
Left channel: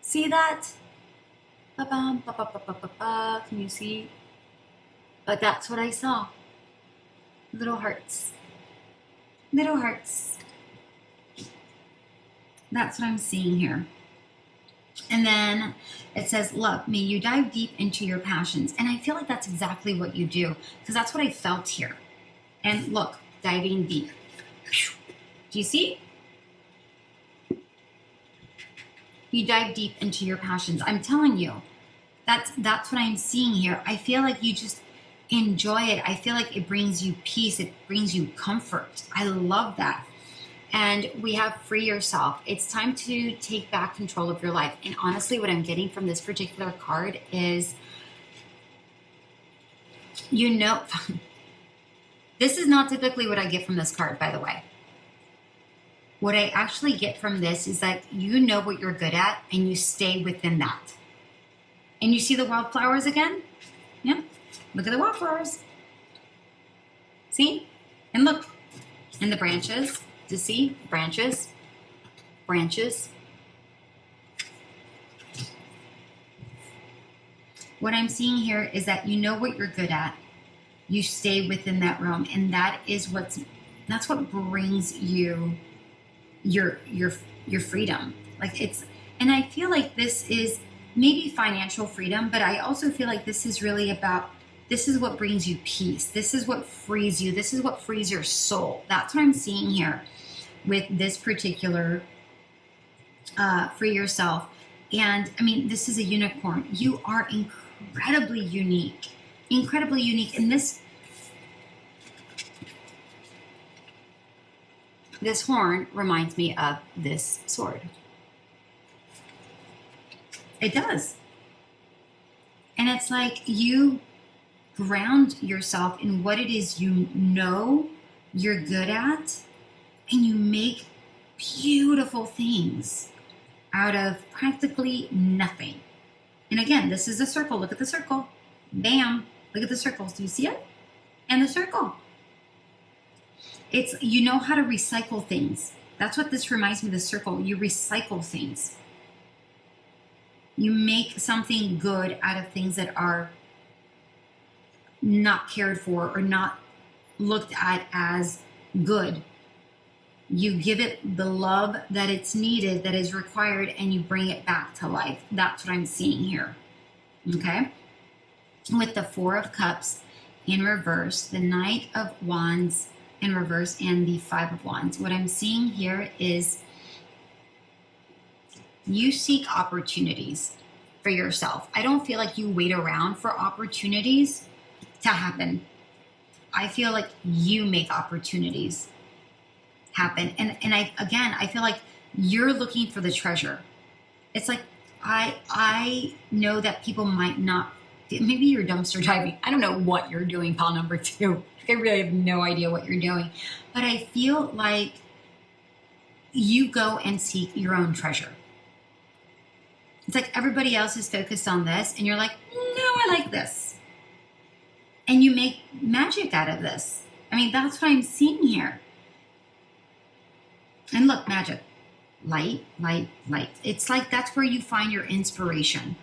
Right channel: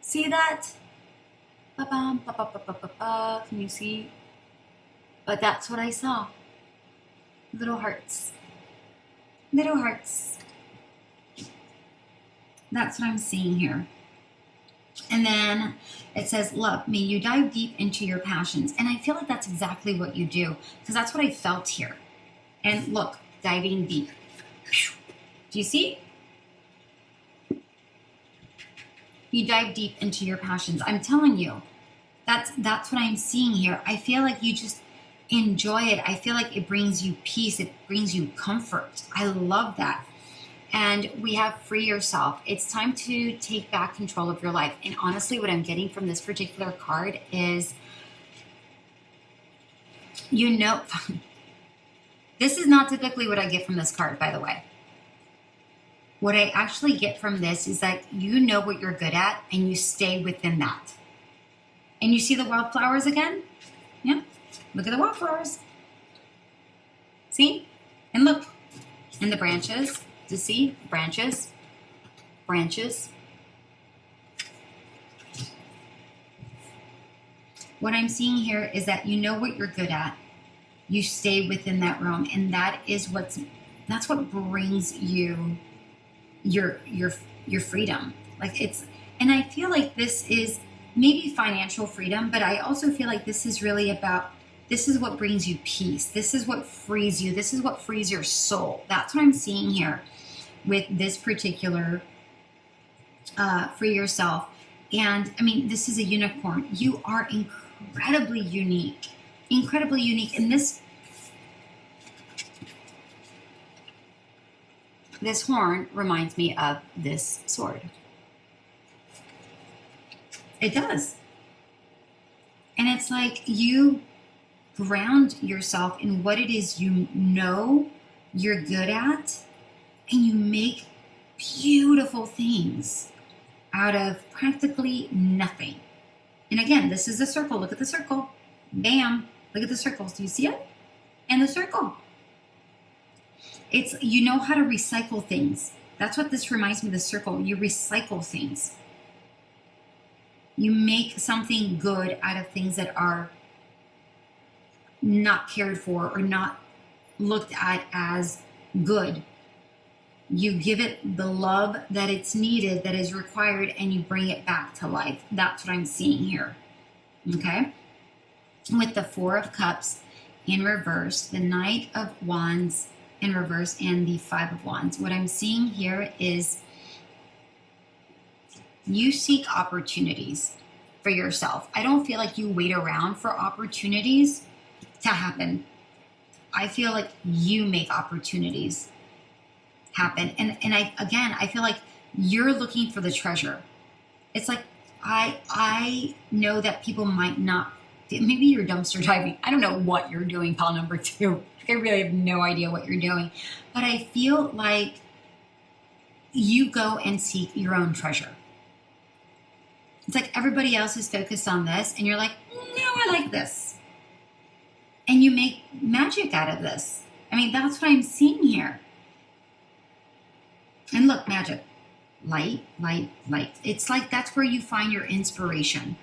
see that. Can you see? But that's what I saw. Little hearts. Little hearts. That's what I'm seeing here. And then it says, love, may you dive deep into your passions. And I feel like that's exactly what you do, because that's what I felt here. And look, diving deep. Do you see? You dive deep into your passions. I'm telling you, that's what I'm seeing here. I feel like you just enjoy it. I feel like it brings you peace. It brings you comfort. I love that. And we have free yourself. It's time to take back control of your life. And honestly, what I'm getting from this particular card is, you know, this is not typically what I get from this card, by the way. What I actually get from this is that you know what you're good at and you stay within that. And you see the wildflowers again? Yeah. Look at the wildflowers. See? And look. And the branches. Do you see? Branches. Branches. What I'm seeing here is that you know what you're good at. You stay within that realm. And that's what brings you your freedom. Like and I feel like this is maybe financial freedom, but I also feel like this is really about, this is what brings you peace. This is what frees you. This is what frees your soul. That's what I'm seeing here with this particular free yourself. And I mean, this is a unicorn. You are incredibly unique. Incredibly unique. And this horn reminds me of this sword. It does. And it's like you ground yourself in what it is you know you're good at, and you make beautiful things out of practically nothing. And again, this is a circle. Look at the circle. Bam. Look at the circles. Do you see it? And the circle. It's, you know how to recycle things. That's what this reminds me of, the circle. You recycle things. You make something good out of things that are not cared for or not looked at as good. You give it the love that it's needed, that is required, and you bring it back to life. That's what I'm seeing here. Okay? With the Four of Cups in reverse, the Knight of Wands in reverse, and the Five of Wands. What I'm seeing here is you seek opportunities for yourself. I don't feel like you wait around for opportunities to happen. I feel like you make opportunities happen. And I feel like you're looking for the treasure. It's like, I know that people might not, maybe you're dumpster diving. I don't know what you're doing, pile number 2. I really have no idea what you're doing. But I feel like you go and seek your own treasure. It's like everybody else is focused on this, and you're like, no, I like this. And you make magic out of this. I mean, that's what I'm seeing here. And look, magic. Light, light, light. It's like that's where you find your inspiration.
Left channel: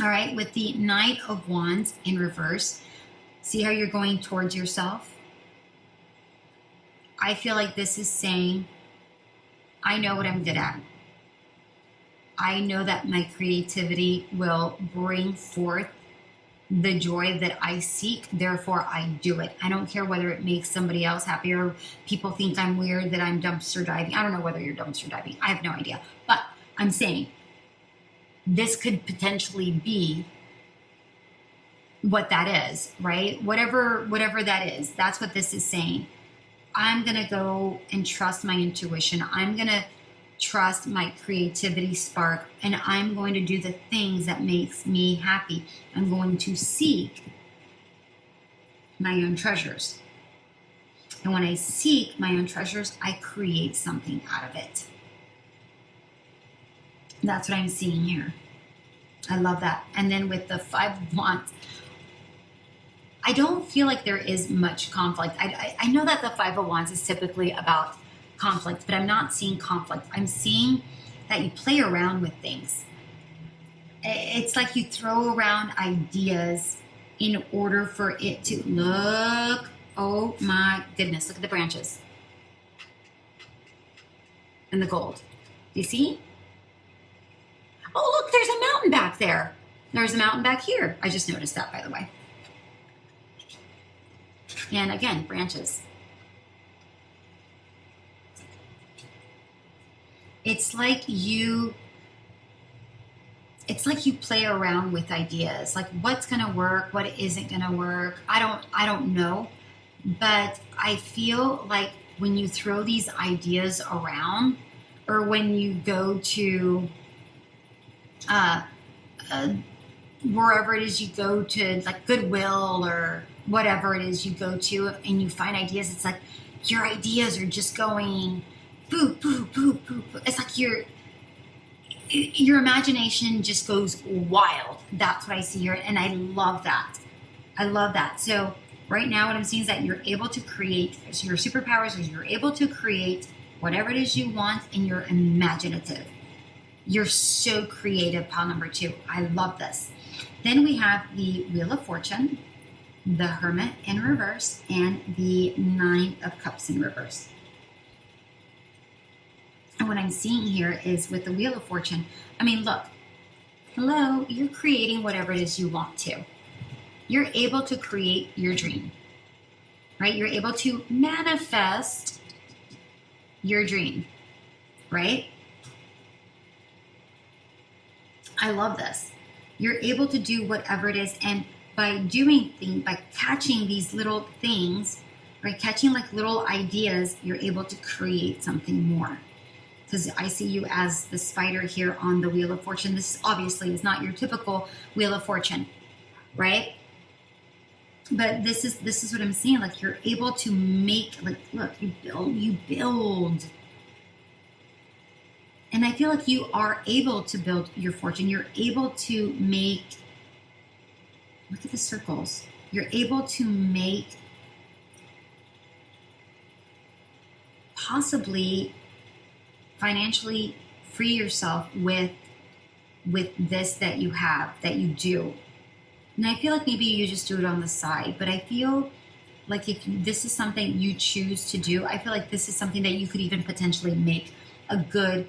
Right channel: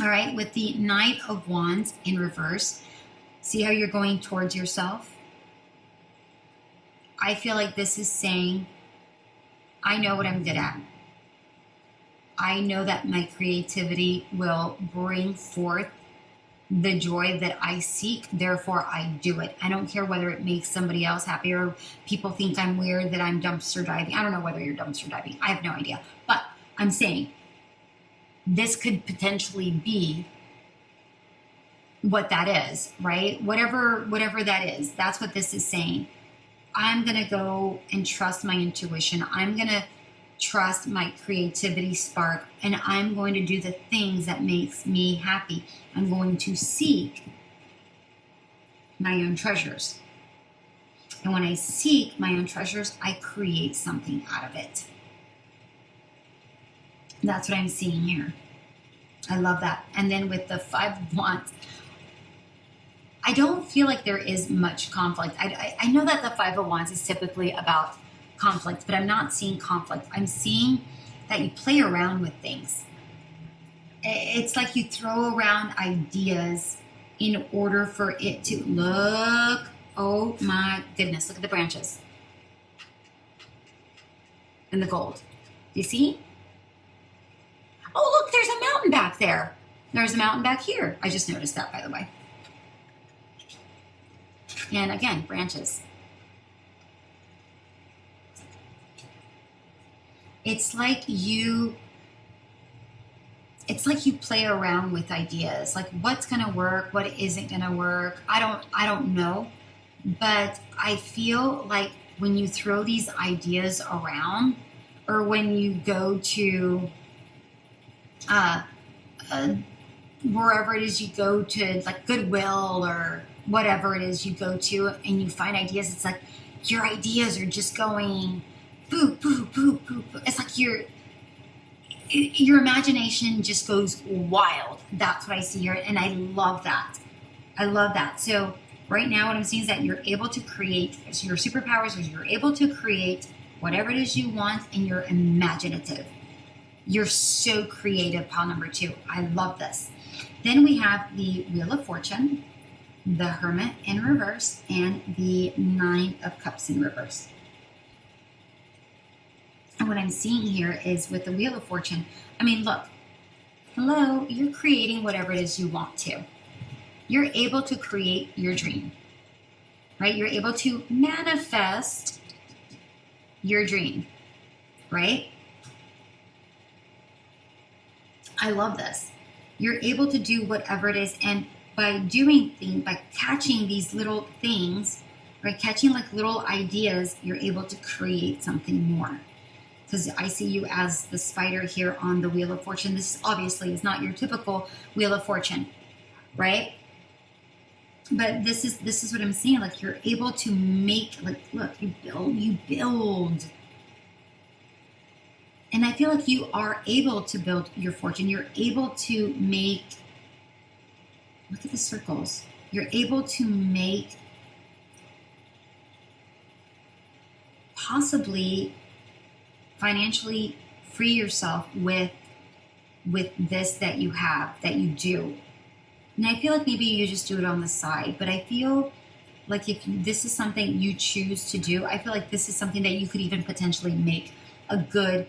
All right, with the Knight of Wands in reverse, see how you're going towards yourself? I feel like this is saying, I know what I'm good at. I know that my creativity will bring forth the joy that I seek, therefore I do it. I don't care whether it makes somebody else happy or people think I'm weird that I'm dumpster diving. I don't know whether you're dumpster diving. I have no idea. But I'm saying this could potentially be what that is, right? Whatever that is, that's what this is saying. I'm going to go and trust my intuition. I'm going to trust my creativity spark, and I'm going to do the things that makes me happy. I'm going to seek my own treasures. And when I seek my own treasures, I create something out of it. That's what I'm seeing here. I love that. And then with the Five of Wands, I don't feel like there is much conflict. I know that the Five of Wands is typically about conflict, but I'm not seeing conflict. I'm seeing that you play around with things. It's like you throw around ideas in order for it to look. Oh my goodness, look at the branches and the gold. Do you see? Oh, look, there's a mountain back there. There's a mountain back here. I just noticed that, by the way. And again, branches. It's like you play around with ideas, like what's going to work, what isn't going to work. I don't know, but I feel like when you throw these ideas around, or when you go to wherever it is you go to, like Goodwill or whatever it is you go to, and you find ideas, it's like your ideas are just going boop, boop, boop, boop. It's like your imagination just goes wild. That's what I see here, and I love that. I love that. So right now what I'm seeing is that you're able to create, so your superpowers is you're able to create whatever it is you want, and you're imaginative. You're so creative, pile number 2. I love this. Then we have the Wheel of Fortune, the Hermit in reverse, and the Nine of Cups in reverse. And what I'm seeing here is with the Wheel of Fortune, I mean, look, hello, you're creating whatever it is you want to. You're able to create your dream, right? You're able to manifest your dream, right? I love this. You're able to do whatever it is, and by doing things, by catching these little things, right? Catching like little ideas, you're able to create something more. Because I see you as the spider here on the Wheel of Fortune. This obviously is not your typical Wheel of Fortune, right? But this is what I'm seeing. Like you're able to make, like, look, you build. And I feel like you are able to build your fortune. You're able to make, look at the circles. You're able to make possibly financially free yourself with this that you have, that you do. And I feel like maybe you just do it on the side, but I feel like if this is something you choose to do, I feel like this is something that you could even potentially make a good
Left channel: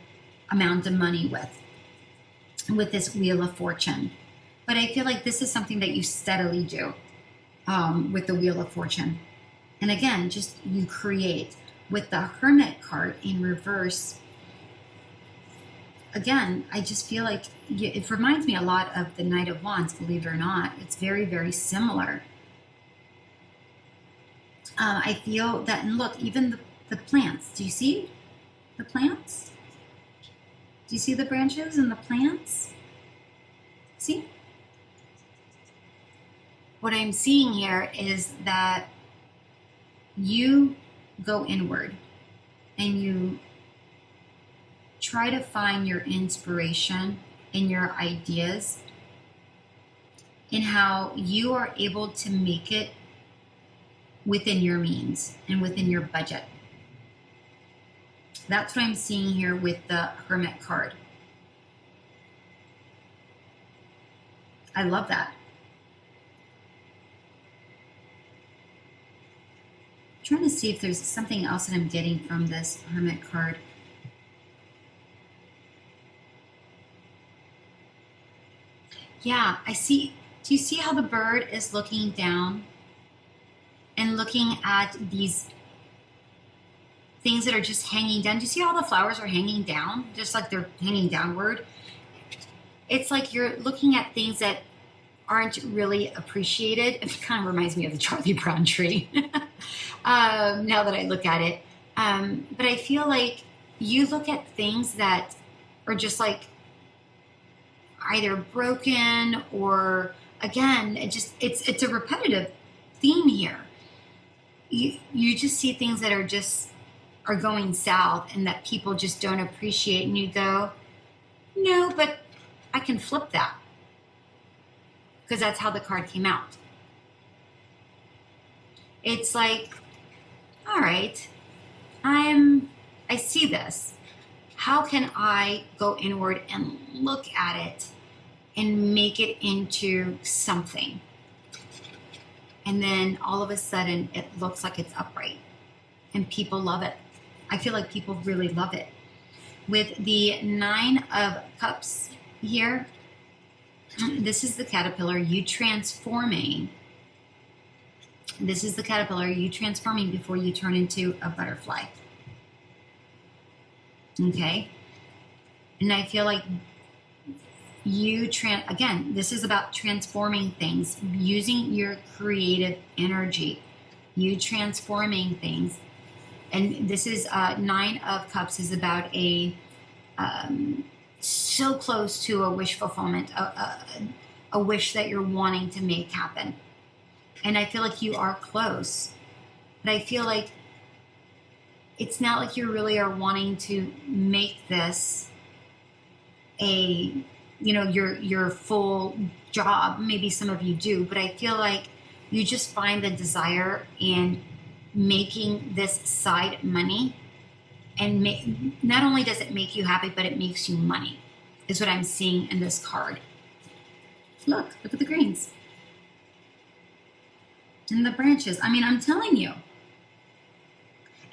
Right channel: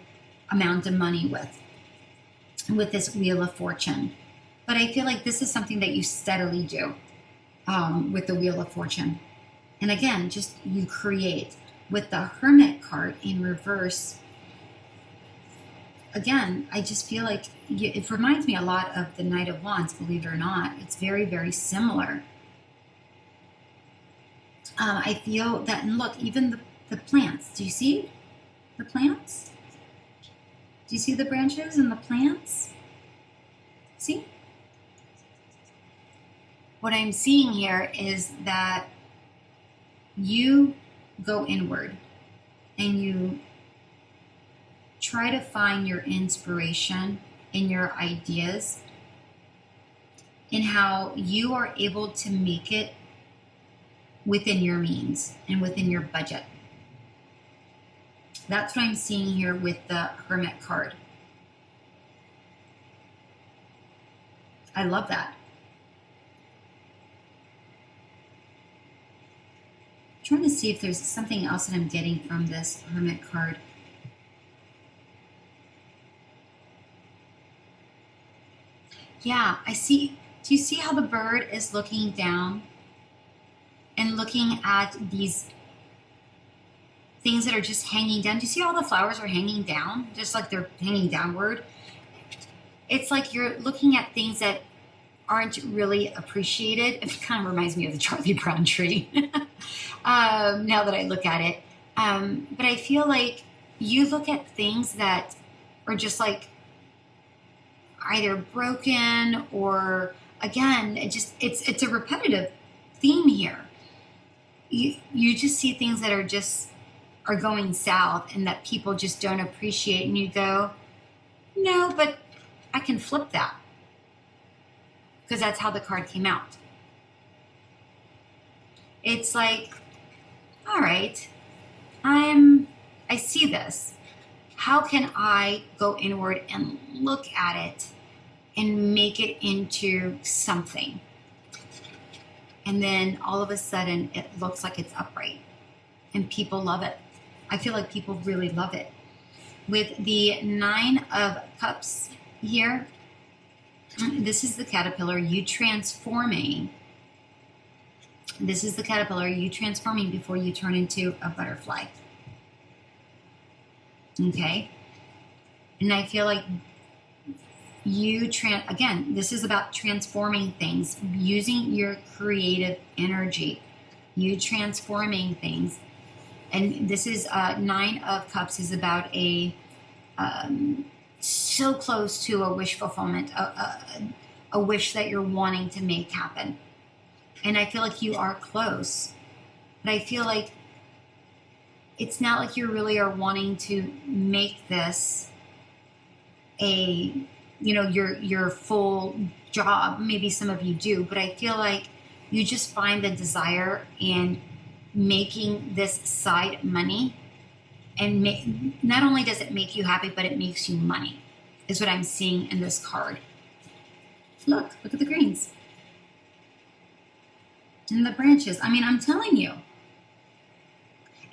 amount of money with this Wheel of Fortune. But I feel like this is something that you steadily do with the Wheel of Fortune. And again, just you create. With the Hermit card in reverse, again, I just feel like it reminds me a lot of the Knight of Wands, believe it or not. It's very, very similar. I feel that, and look, even the plants. Do you see the plants? Do you see the branches and the plants? See? What I'm seeing here is that you go inward and you try to find your inspiration in your ideas and how you are able to make it within your means and within your budget. That's what I'm seeing here with the Hermit card. I love that. I'm trying to see if there's something else that I'm getting from this Hermit card. Yeah, I see. Do you see how the bird is looking down and looking at these things that are just hanging down? Do you see how the flowers are hanging down? Just like they're hanging downward. It's like you're looking at things that aren't really appreciated. It kind of reminds me of the Charlie Brown tree now that I look at it. But I feel like you look at things that are just like either broken or, again, it's a repetitive theme here. You just see things that are going south and that people just don't appreciate, and you go, no, but I can flip that, because that's how the card came out. It's like, all right, I see this. How can I go inward and look at it and make it into something? And then all of a sudden it looks like it's upright and people love it. I feel like people really love it. With the 9 of Cups here, this is the caterpillar, you transforming. This is the caterpillar, you transforming before you turn into a butterfly. Okay? And I feel like again, this is about transforming things, using your creative energy, you transforming things. And this is 9 of Cups is about so close to a wish fulfillment, a wish that you're wanting to make happen. And I feel like you are close, but I feel like it's not like you really are wanting to make this your full job. Maybe some of you do, but I feel like you just find the desire in making this side money, and not only does it make you happy, but it makes you money, is what I'm seeing in this card. Look at the greens and the branches. I mean, I'm telling you.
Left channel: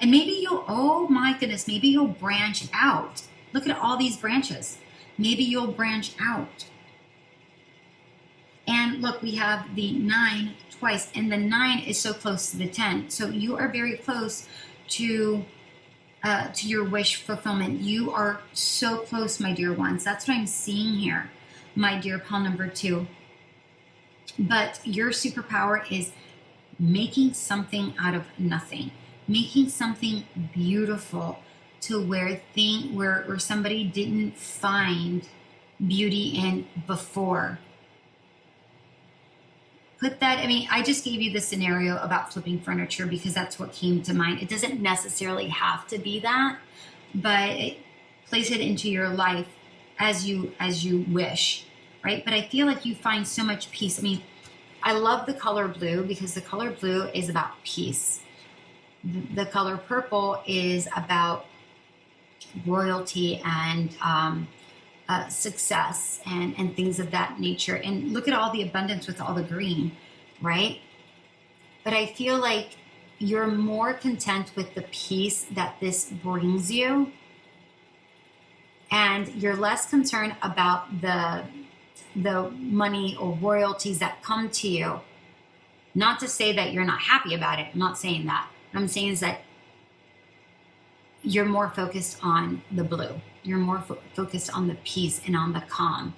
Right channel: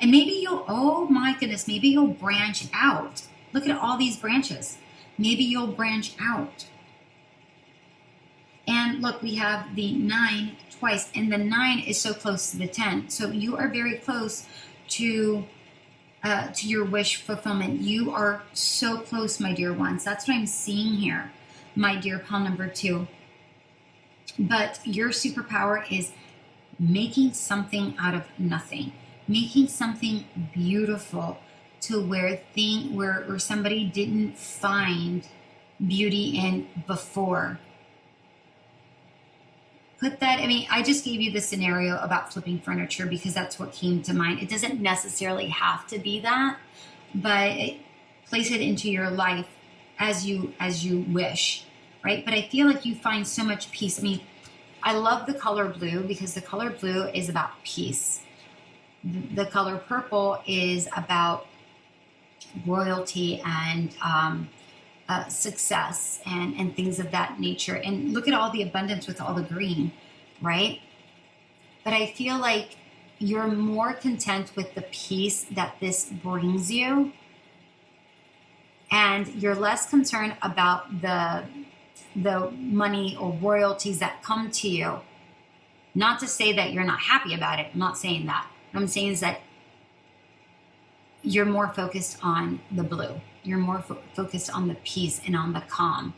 And maybe oh my goodness, maybe you'll branch out. Look at all these branches. Maybe you'll branch out. And look, we have the 9 twice, and the 9 is so close to the 10. So you are very close to your wish fulfillment. You are so close, my dear ones. That's what I'm seeing here, my dear pile number 2. But your superpower is making something out of nothing, making something beautiful to where somebody didn't find beauty in before. Put that, I mean, I just gave you the scenario about flipping furniture because that's what came to mind. It doesn't necessarily have to be that, but place it into your life as you wish, right? But I feel like you find so much peace. I mean, I love the color blue because the color blue is about peace. The color purple is about royalty and success and things of that nature. And look at all the abundance with all the green, right? But I feel like you're more content with the peace that this brings you, and you're less concerned about the money or royalties that come to you. Not to say that you're not happy about it. I'm not saying that. What I'm saying is that you're more focused on the blue. You're more focused on the peace and on the calm.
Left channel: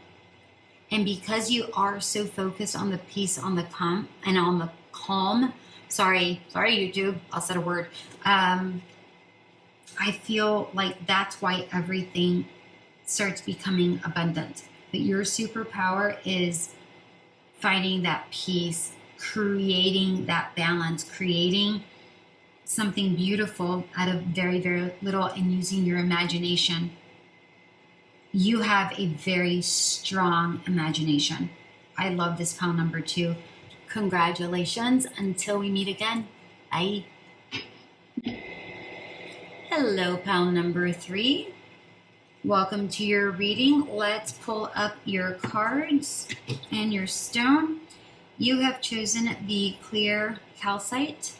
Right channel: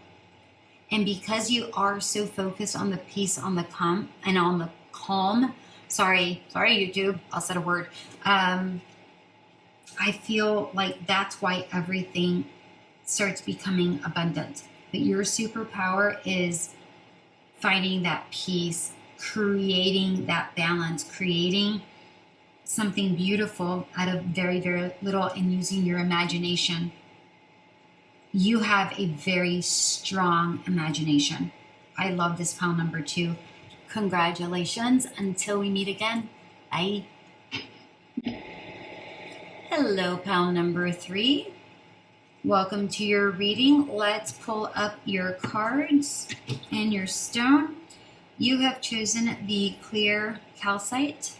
And because you are so focused on the peace, on the calm, and on the calm, sorry, YouTube, I'll say a word. I feel like that's why everything starts becoming abundant. But your superpower is finding that peace, creating that balance, creating something beautiful out of very, very little, and using your imagination. You have a very strong imagination. I love this pile number 2. Congratulations. Until we meet again. Bye. Hello, pile number 3. Welcome to your reading. Let's pull up your cards and your stone. You have chosen the clear calcite.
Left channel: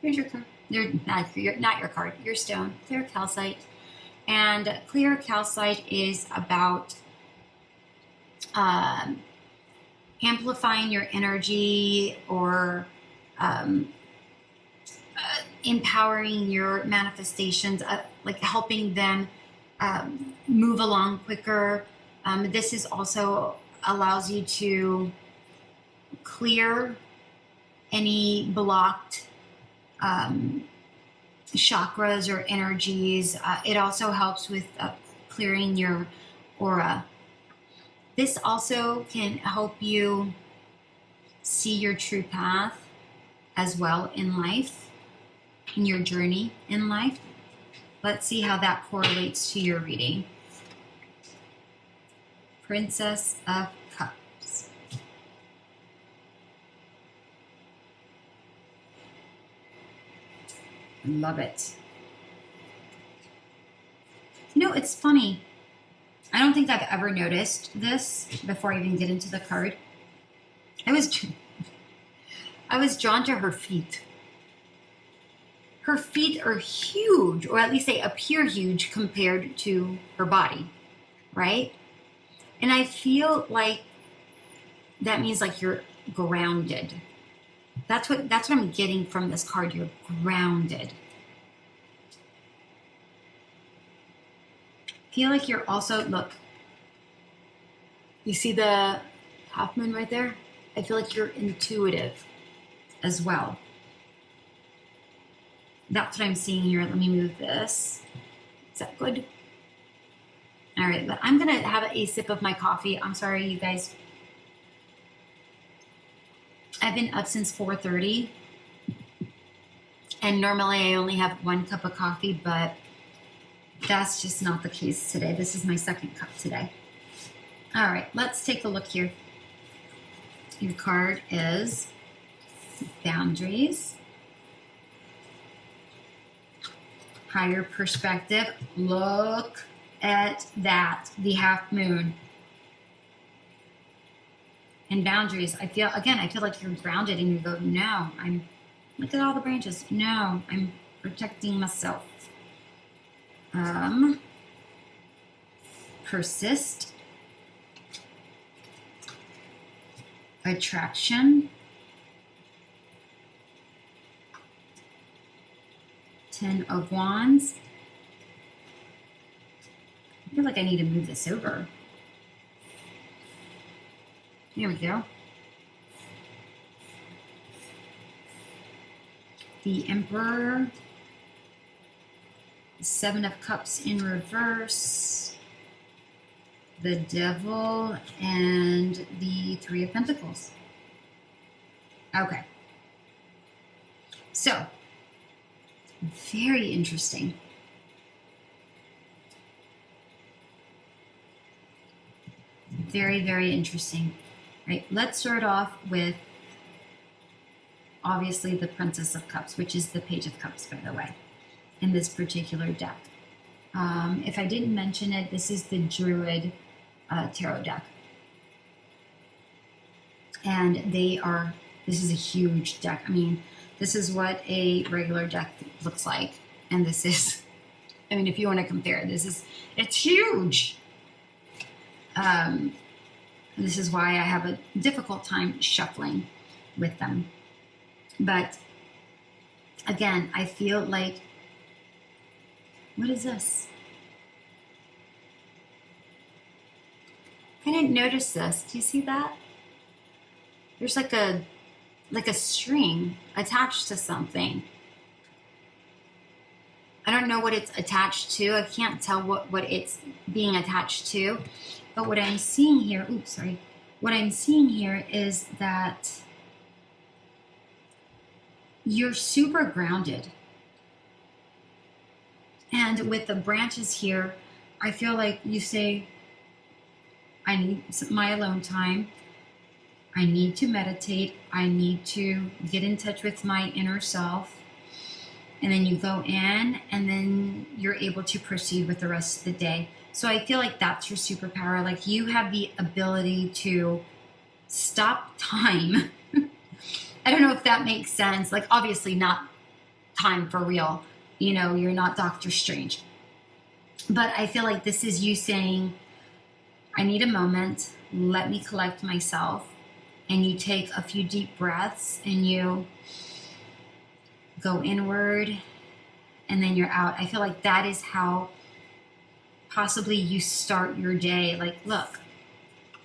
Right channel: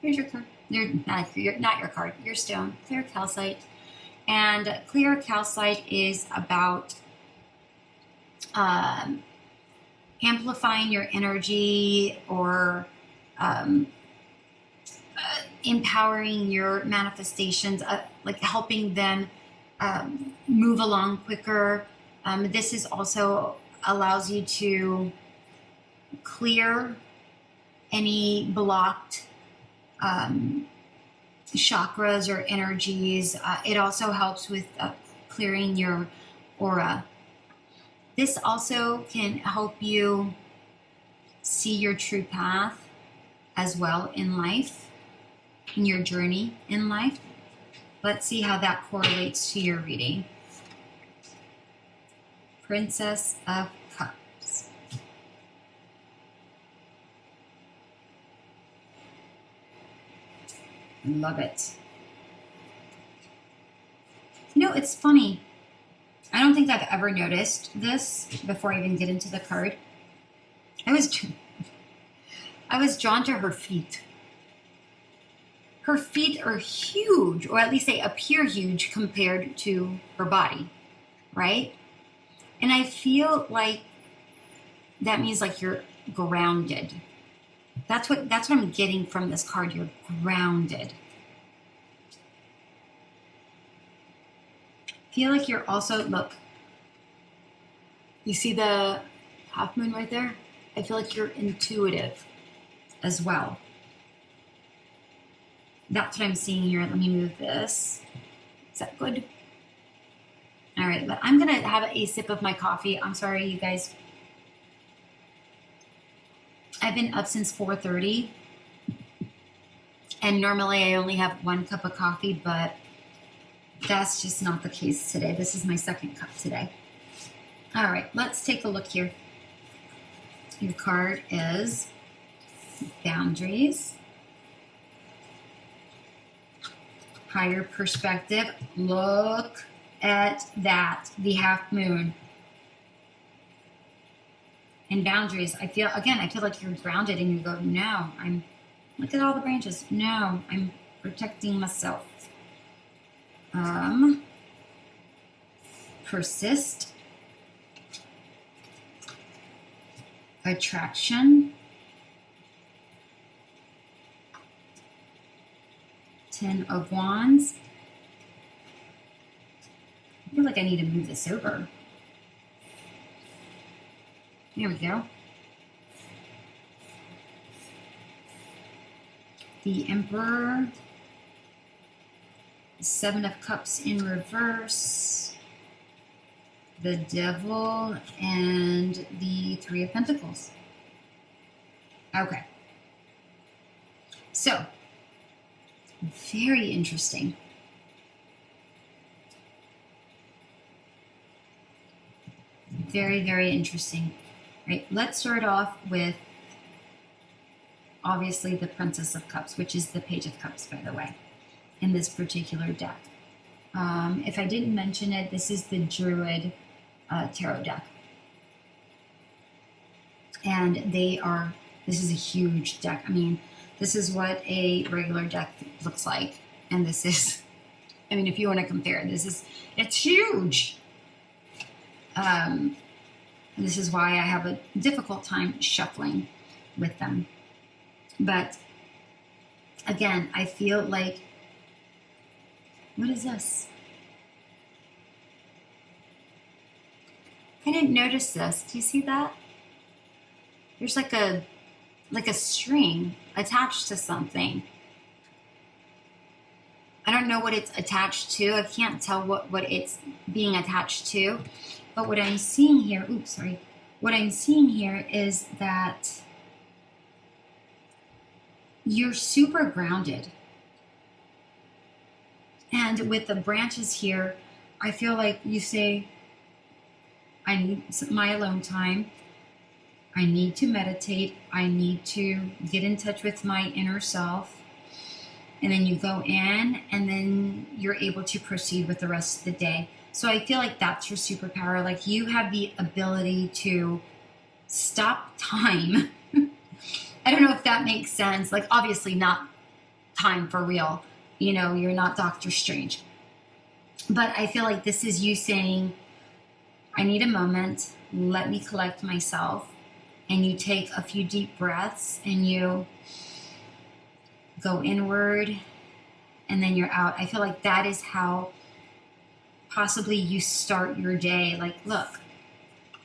Here's your card. Not your card, your stone. Clear calcite. And clear calcite is about amplifying your energy or empowering your manifestations, like helping them move along quicker. This is also allows you to clear any blocked chakras or energies. It also helps with clearing your aura. This also can help you see your true path as well in life, in your journey in life. Let's see how that correlates to your reading. Princess of Cups. Love it. You know, it's funny. I don't think I've ever noticed this before I even get into the card. I was drawn to her feet. Her feet are huge, or at least they appear huge compared to her body, right? And I feel like that means like you're grounded. That's what I'm getting from this card. You're grounded. Feel like you're also, look, you see the half moon right there? I feel like you're intuitive as well. That's what I'm seeing here. Let me move this. Is that good? All right, but I'm gonna have a sip of my coffee. I'm sorry, you guys. I've been up since 4:30, and normally I only have 1 cup of coffee, but that's just not the case today. This is my 2nd cup today. All right, let's take a look here. Your card is boundaries, higher perspective. Look at that, the half moon. And boundaries, I feel like you're grounded and you go, no, look at all the branches. No, I'm protecting myself. Persist. Attraction. 10 of Wands. I feel like I need to move this over. Here we go. The Emperor. 7 of Cups in reverse. The Devil and the 3 of Pentacles. Okay. So, very interesting. Very, very interesting. Right, let's start off with obviously the Princess of Cups, which is the Page of Cups, by the way, in this particular deck. If I didn't mention it, this is the Druid tarot deck. And this is a huge deck. I mean, this is what a regular deck looks like. And this is, I mean, if you want to compare, it's huge. This is why I have a difficult time shuffling with them. But again, I feel like, what is this? I didn't notice this. Do you see that? There's like a string attached to something. I don't know what it's attached to. I can't tell what it's being attached to. But what I'm seeing here, what I'm seeing here is that you're super grounded. And with the branches here, I feel like you say, I need my alone time. I need to meditate. I need to get in touch with my inner self. And then you go in, and then you're able to proceed with the rest of the day. So I feel like that's your superpower. Like, you have the ability to stop time. I don't know if that makes sense. Like, obviously not time for real. You know, you're not Doctor Strange. But I feel like this is you saying, I need a moment. Let me collect myself. And you take a few deep breaths and you go inward, and then you're out. I feel like that is how possibly you start your day. Like, look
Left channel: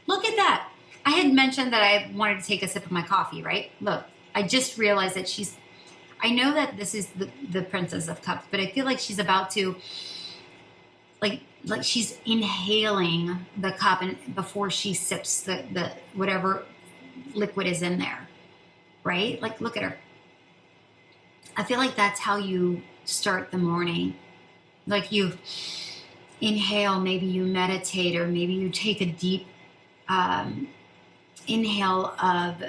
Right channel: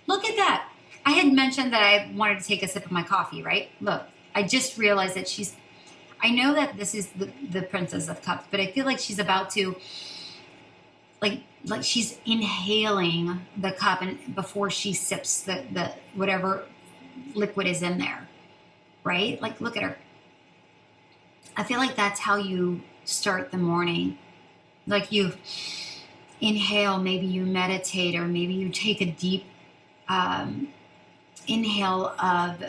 at that. I had mentioned that I wanted to take a sip of my coffee, right? Look, I just realized that I know that this is the Princess of Cups, but I feel like she's about to, like she's inhaling the cup and before she sips the whatever liquid is in there, right? Like, look at her. I feel like that's how you start the morning. Like, you inhale, maybe you meditate, or maybe you take a deep inhale of,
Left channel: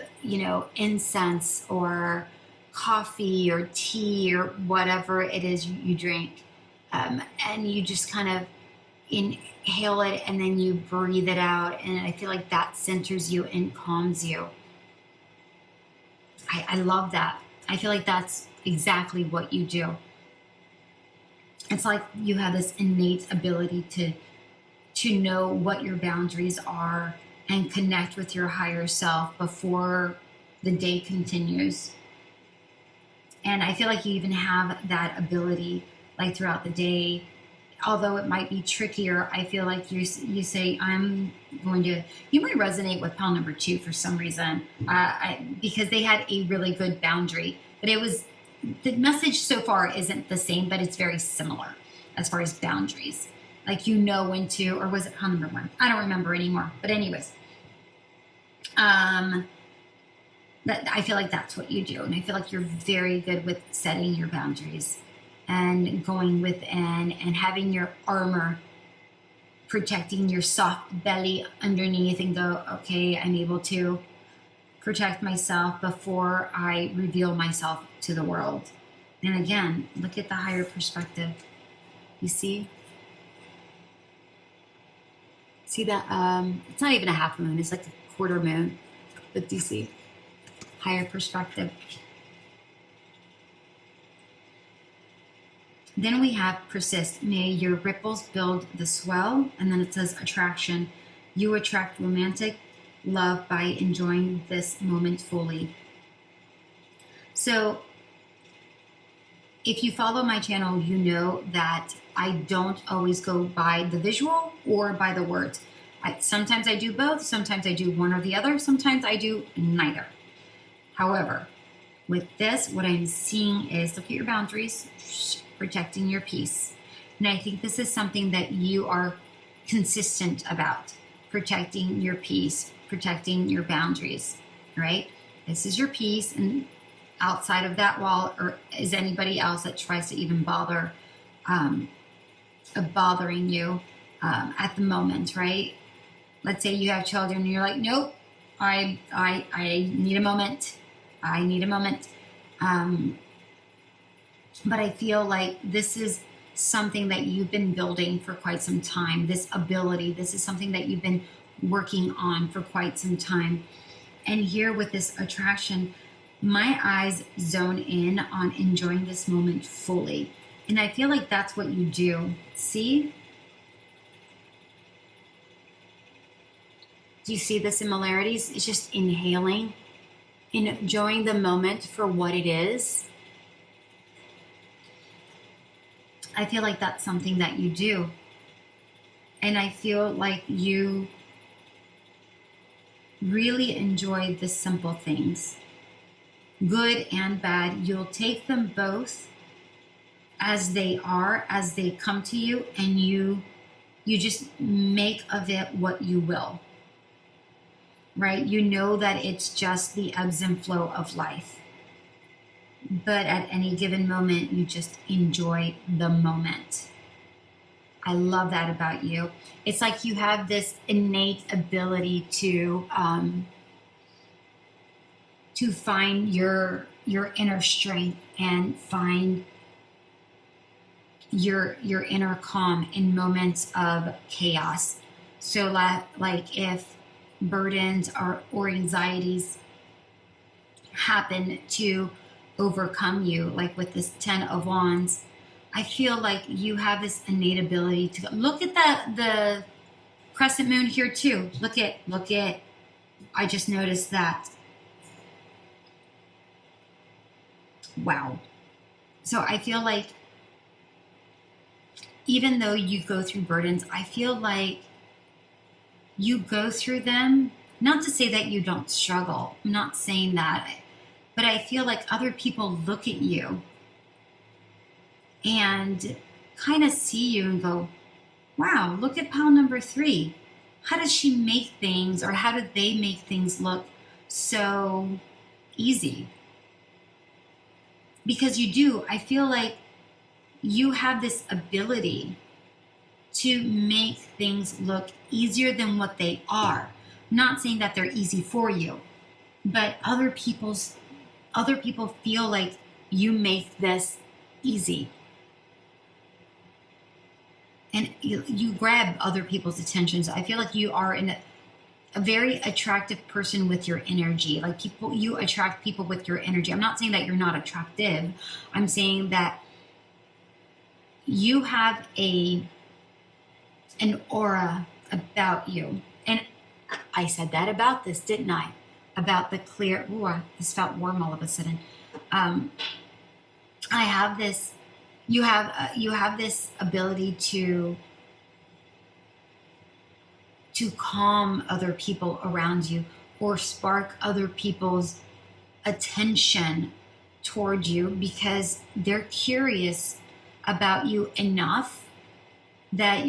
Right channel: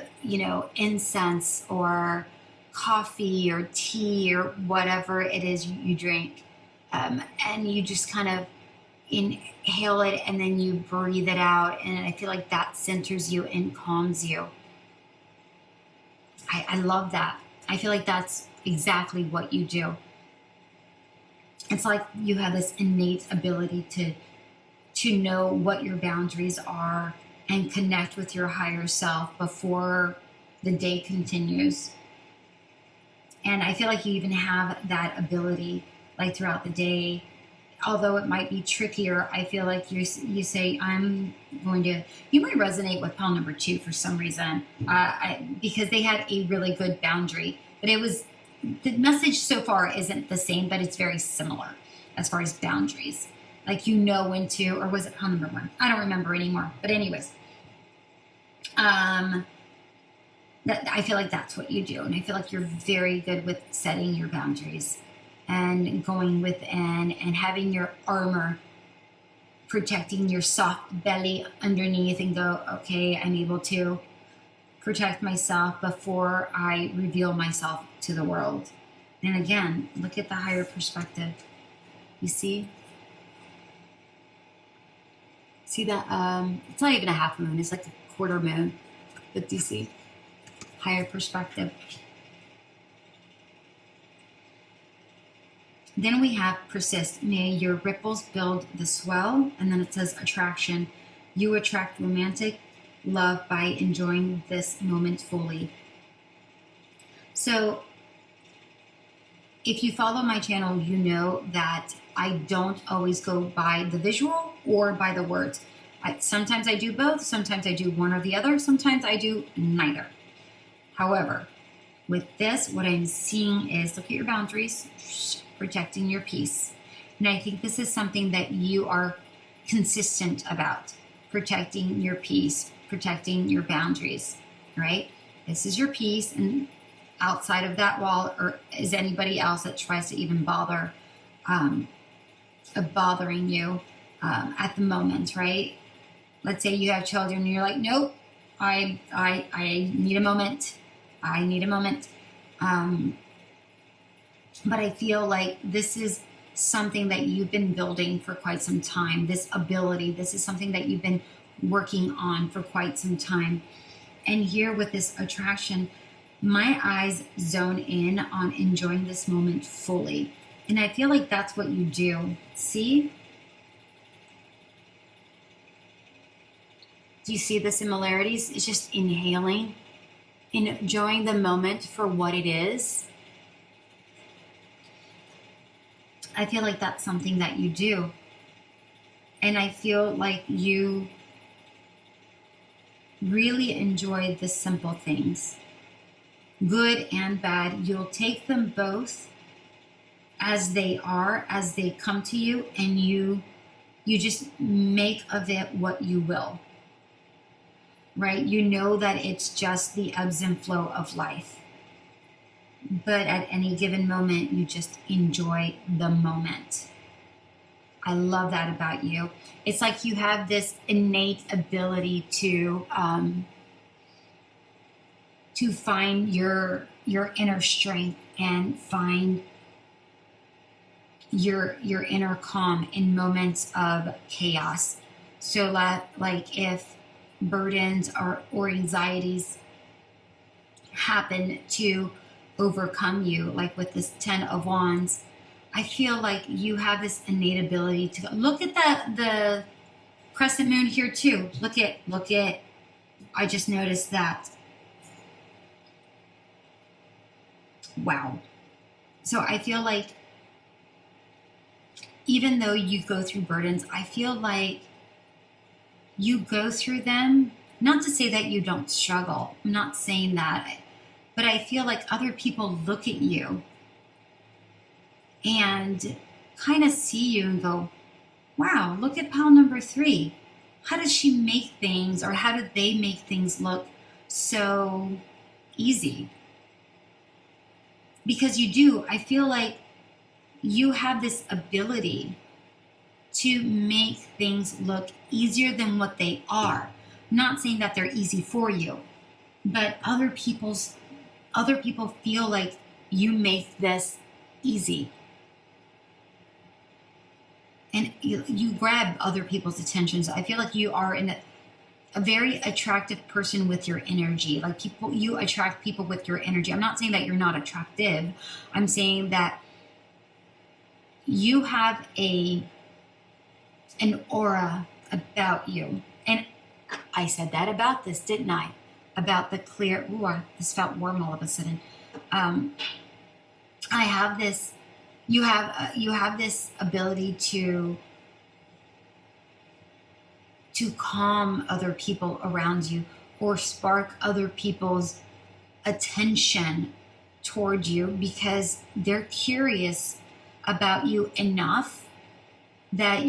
incense or coffee or tea or whatever it is you drink. And you just kind of inhale it and then you breathe it out. And I feel like that centers you and calms you. I love that. I feel like that's exactly what you do. It's like you have this innate ability to know what your boundaries are and connect with your higher self before the day continues. And I feel like you even have that ability like throughout the day. Although it might be trickier, I feel like you say, you might resonate with pile number 2 for some reason, because they had a really good boundary. But the message so far isn't the same, but it's very similar as far as boundaries. Like, when to, or was it pile number 1? I don't remember anymore. But anyways, I feel like that's what you do. And I feel like you're very good with setting your boundaries and going within and having your armor protecting your soft belly underneath and go, okay, I'm able to protect myself before I reveal myself to the world. And again, look at the higher perspective. You see? See that? It's not even a half moon. It's like a quarter moon. But do you see? Higher perspective. Then we have persist. May your ripples build the swell. And then it says attraction. You attract romantic love by enjoying this moment fully. So if you follow my channel, you know that I don't always go by the visual or by the words. Sometimes I do both. Sometimes I do one or the other. Sometimes I do neither. However, with this, what I'm seeing is, look at your boundaries, protecting your peace. And I think this is something that you are consistent about, protecting your peace, protecting your boundaries, right? This is your peace, and outside of that wall, or is anybody else that tries to even bother bothering you at the moment, right? Let's say you have children and you're like, nope, I need a moment. I need a moment. But I feel like this is something that you've been building for quite some time. This ability, this is something that you've been working on for quite some time. And here with this attraction, my eyes zone in on enjoying this moment fully. And I feel like that's what you do. See? Do you see the similarities? It's just inhaling, enjoying the moment for what it is. I feel like that's something that you do. And I feel like you really enjoy the simple things. Good and bad. You'll take them both as they are, as they come to you, and you just make of it what you will. Right? You know that it's just the ebbs and flow of life. But at any given moment, you just enjoy the moment. I love that about you. It's like you have this innate ability to find your inner strength and find your inner calm in moments of chaos. So like if burdens or anxieties happen to overcome you, like with this 10 of Wands, I feel like you have this innate ability to look at the crescent moon here too. Look at, I just noticed that. Wow. So I feel like even though you go through burdens, I feel like you go through them, not to say that you don't struggle. I'm not saying that. but I feel like other people look at you and kind of see you and go, wow, look at pile number 3. How does she make things, or how do they make things look so easy? Because you do. I feel like you have this ability to make things look easier than what they are. Not saying that they're easy for you, but other people feel like you make this easy. And you grab other people's attention. So I feel like you are a very attractive person with your energy. Like you attract people with your energy. I'm not saying that you're not attractive. I'm saying that you have an aura about you. And I said that about this, didn't I? About the clear, this felt warm all of a sudden. I have this, you have this ability to calm other people around you, or spark other people's attention toward you, because they're curious about you enough that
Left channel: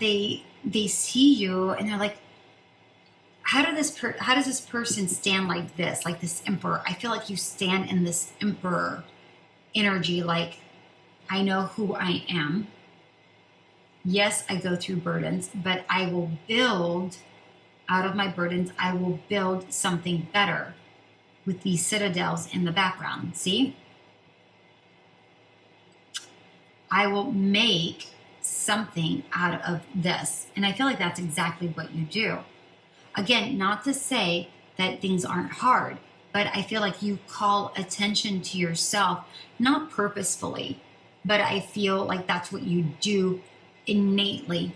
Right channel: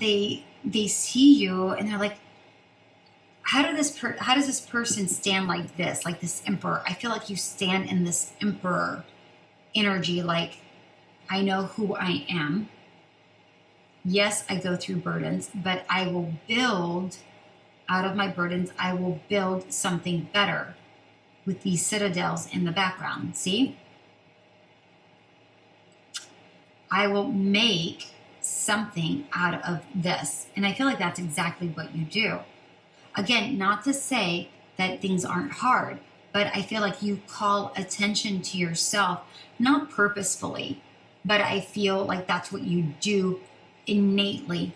they see you and they're like, how does this person stand like this emperor? I feel like you stand in this emperor energy, like, I know who I am. Yes, I go through burdens, but I will build out of my burdens. I will build something better with these citadels in the background. See? I will make something out of this. And I feel like that's exactly what you do. Again, not to say that things aren't hard, but I feel like you call attention to yourself, not purposefully, but I feel like that's what you do innately.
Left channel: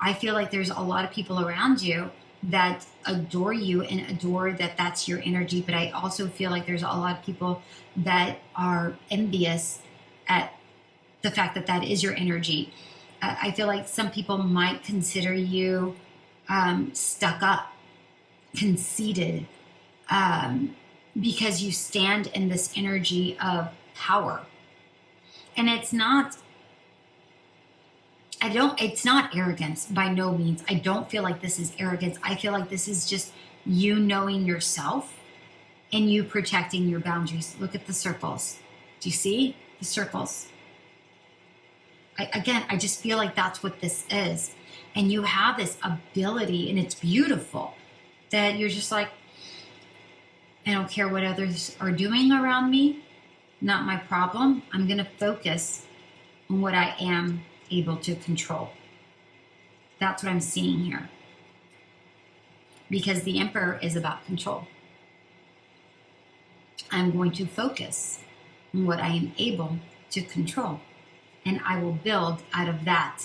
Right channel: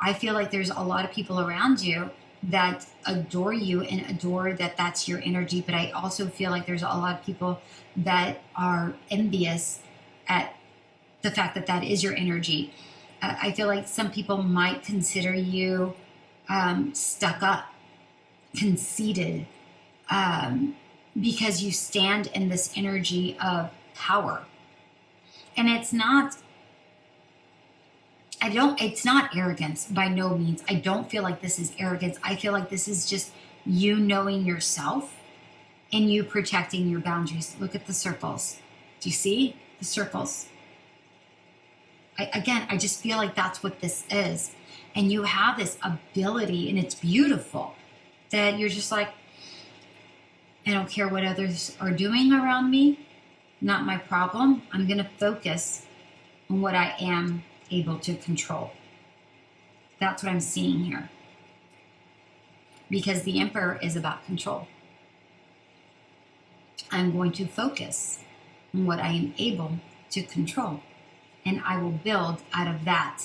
I feel like there's a lot of people around you that adore you and adore that that's your energy, but I also feel like there's a lot of people that are envious at the fact that that is your energy. I feel like some people might consider you stuck up, conceited, because you stand in this energy of power. And it's not arrogance by no means. I don't feel like this is arrogance. I feel like this is just you knowing yourself and you protecting your boundaries. Look at the circles. Do you see the circles? I just feel like that's what this is. And you have this ability, and it's beautiful, that you're just like, I don't care what others are doing around me. Not my problem. I'm going to focus on what I am able to control. That's what I'm seeing here. Because the Emperor is about control. I'm going to focus on what I am able to control. And I will build out of that.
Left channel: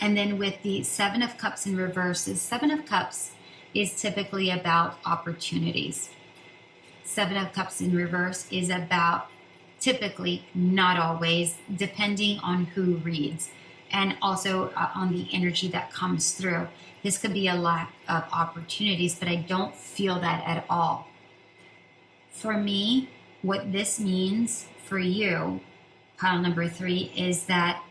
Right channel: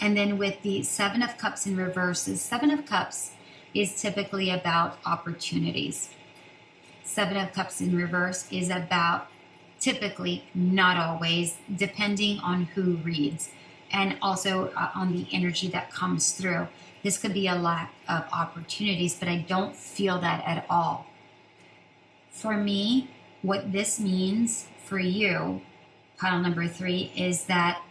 And then with the 7 of Cups in reverse, the 7 of Cups is typically about opportunities. 7 of Cups in reverse is about, typically, not always, depending on who reads, and also on the energy that comes through. This could be a lack of opportunities, but I don't feel that at all. For me, what this means for you, pile number 3, is that,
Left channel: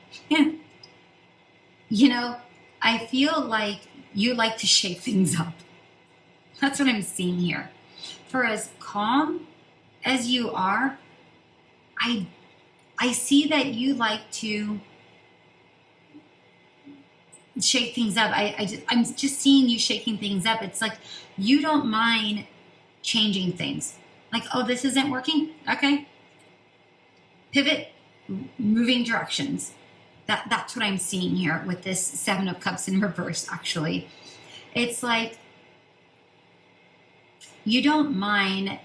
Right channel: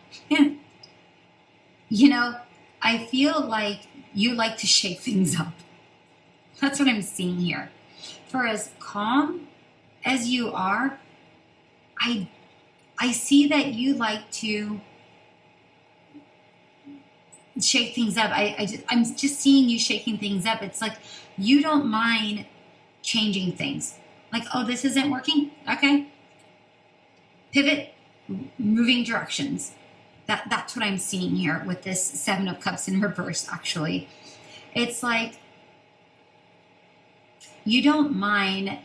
I feel like you like to shake things up. That's what I'm seeing here. For as calm as you are, I see that you like to shake things up. I'm just seeing you shaking things up. It's like you don't mind changing things. Like, oh, this isn't working? Okay. Pivot, moving directions. That's what I'm seeing here with this 7 of Cups in reverse, actually. It's like you don't mind,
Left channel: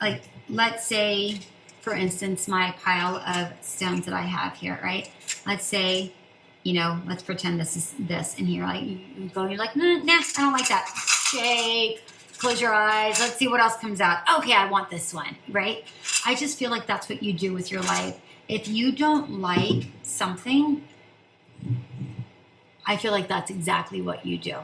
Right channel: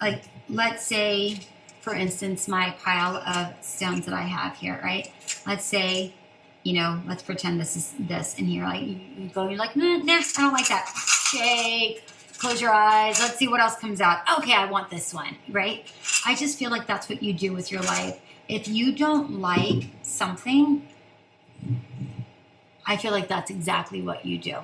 like, let's say, for instance, my pile of stones that I have here, right? Let's say, let's pretend this is this, and you're like, you go and you're like, nah, I don't like that. Shake, close your eyes, let's see what else comes out. Okay, I want this one, right? I just feel like that's what you do with your life. If you don't like something, I feel like that's exactly what you do.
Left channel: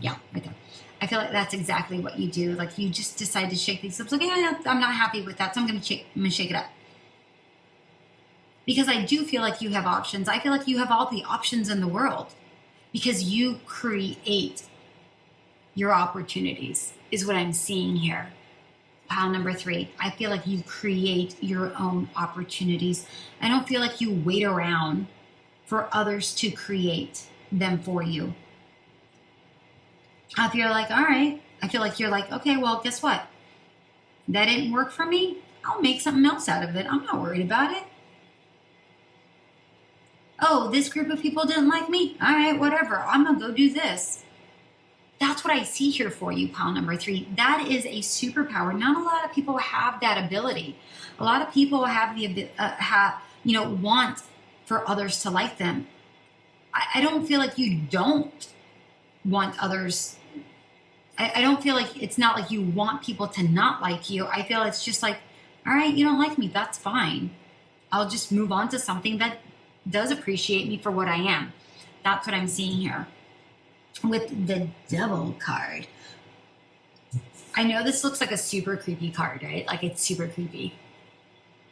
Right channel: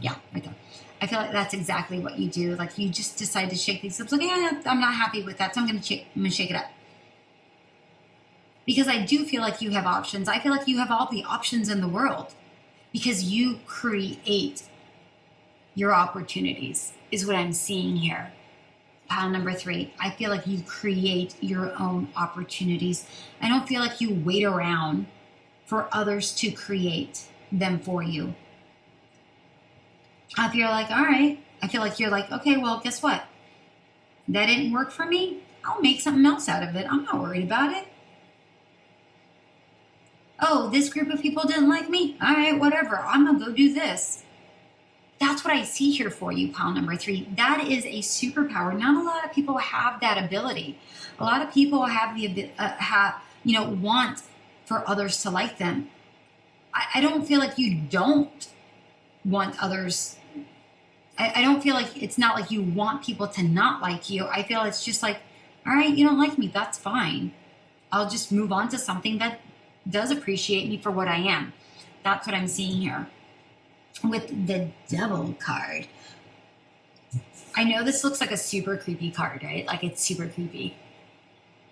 Yeah, right there. I feel like that's exactly what you do. Like you just decide to shake these lips. Like, yeah, I'm not happy with that, so I'm gonna shake it up. Because I do feel like you have options. I feel like you have all the options in the world because you create your opportunities, is what I'm seeing here. Pile number 3, I feel like you create your own opportunities. I don't feel like you wait around for others to create them for you. I feel like, all right, I feel like you're like, okay, well, guess what? That didn't work for me. I'll make something else out of it. I'm not worried about it. Oh, this group of people didn't like me. All right, whatever. I'm going to go do this. That's what I see here for you, pile number 3. That is a superpower. Not a lot of people have that ability. A lot of people have the want for others to like them. I don't feel like you don't want others. I don't feel like it's not like you want people to not like you. I feel it's just like, all right, you don't like me. That's fine. I'll just move on to something that does appreciate me for what I am. That's what I'm seeing here. With the Devil card. I know this looks like a super creepy card, right? Like it's super creepy,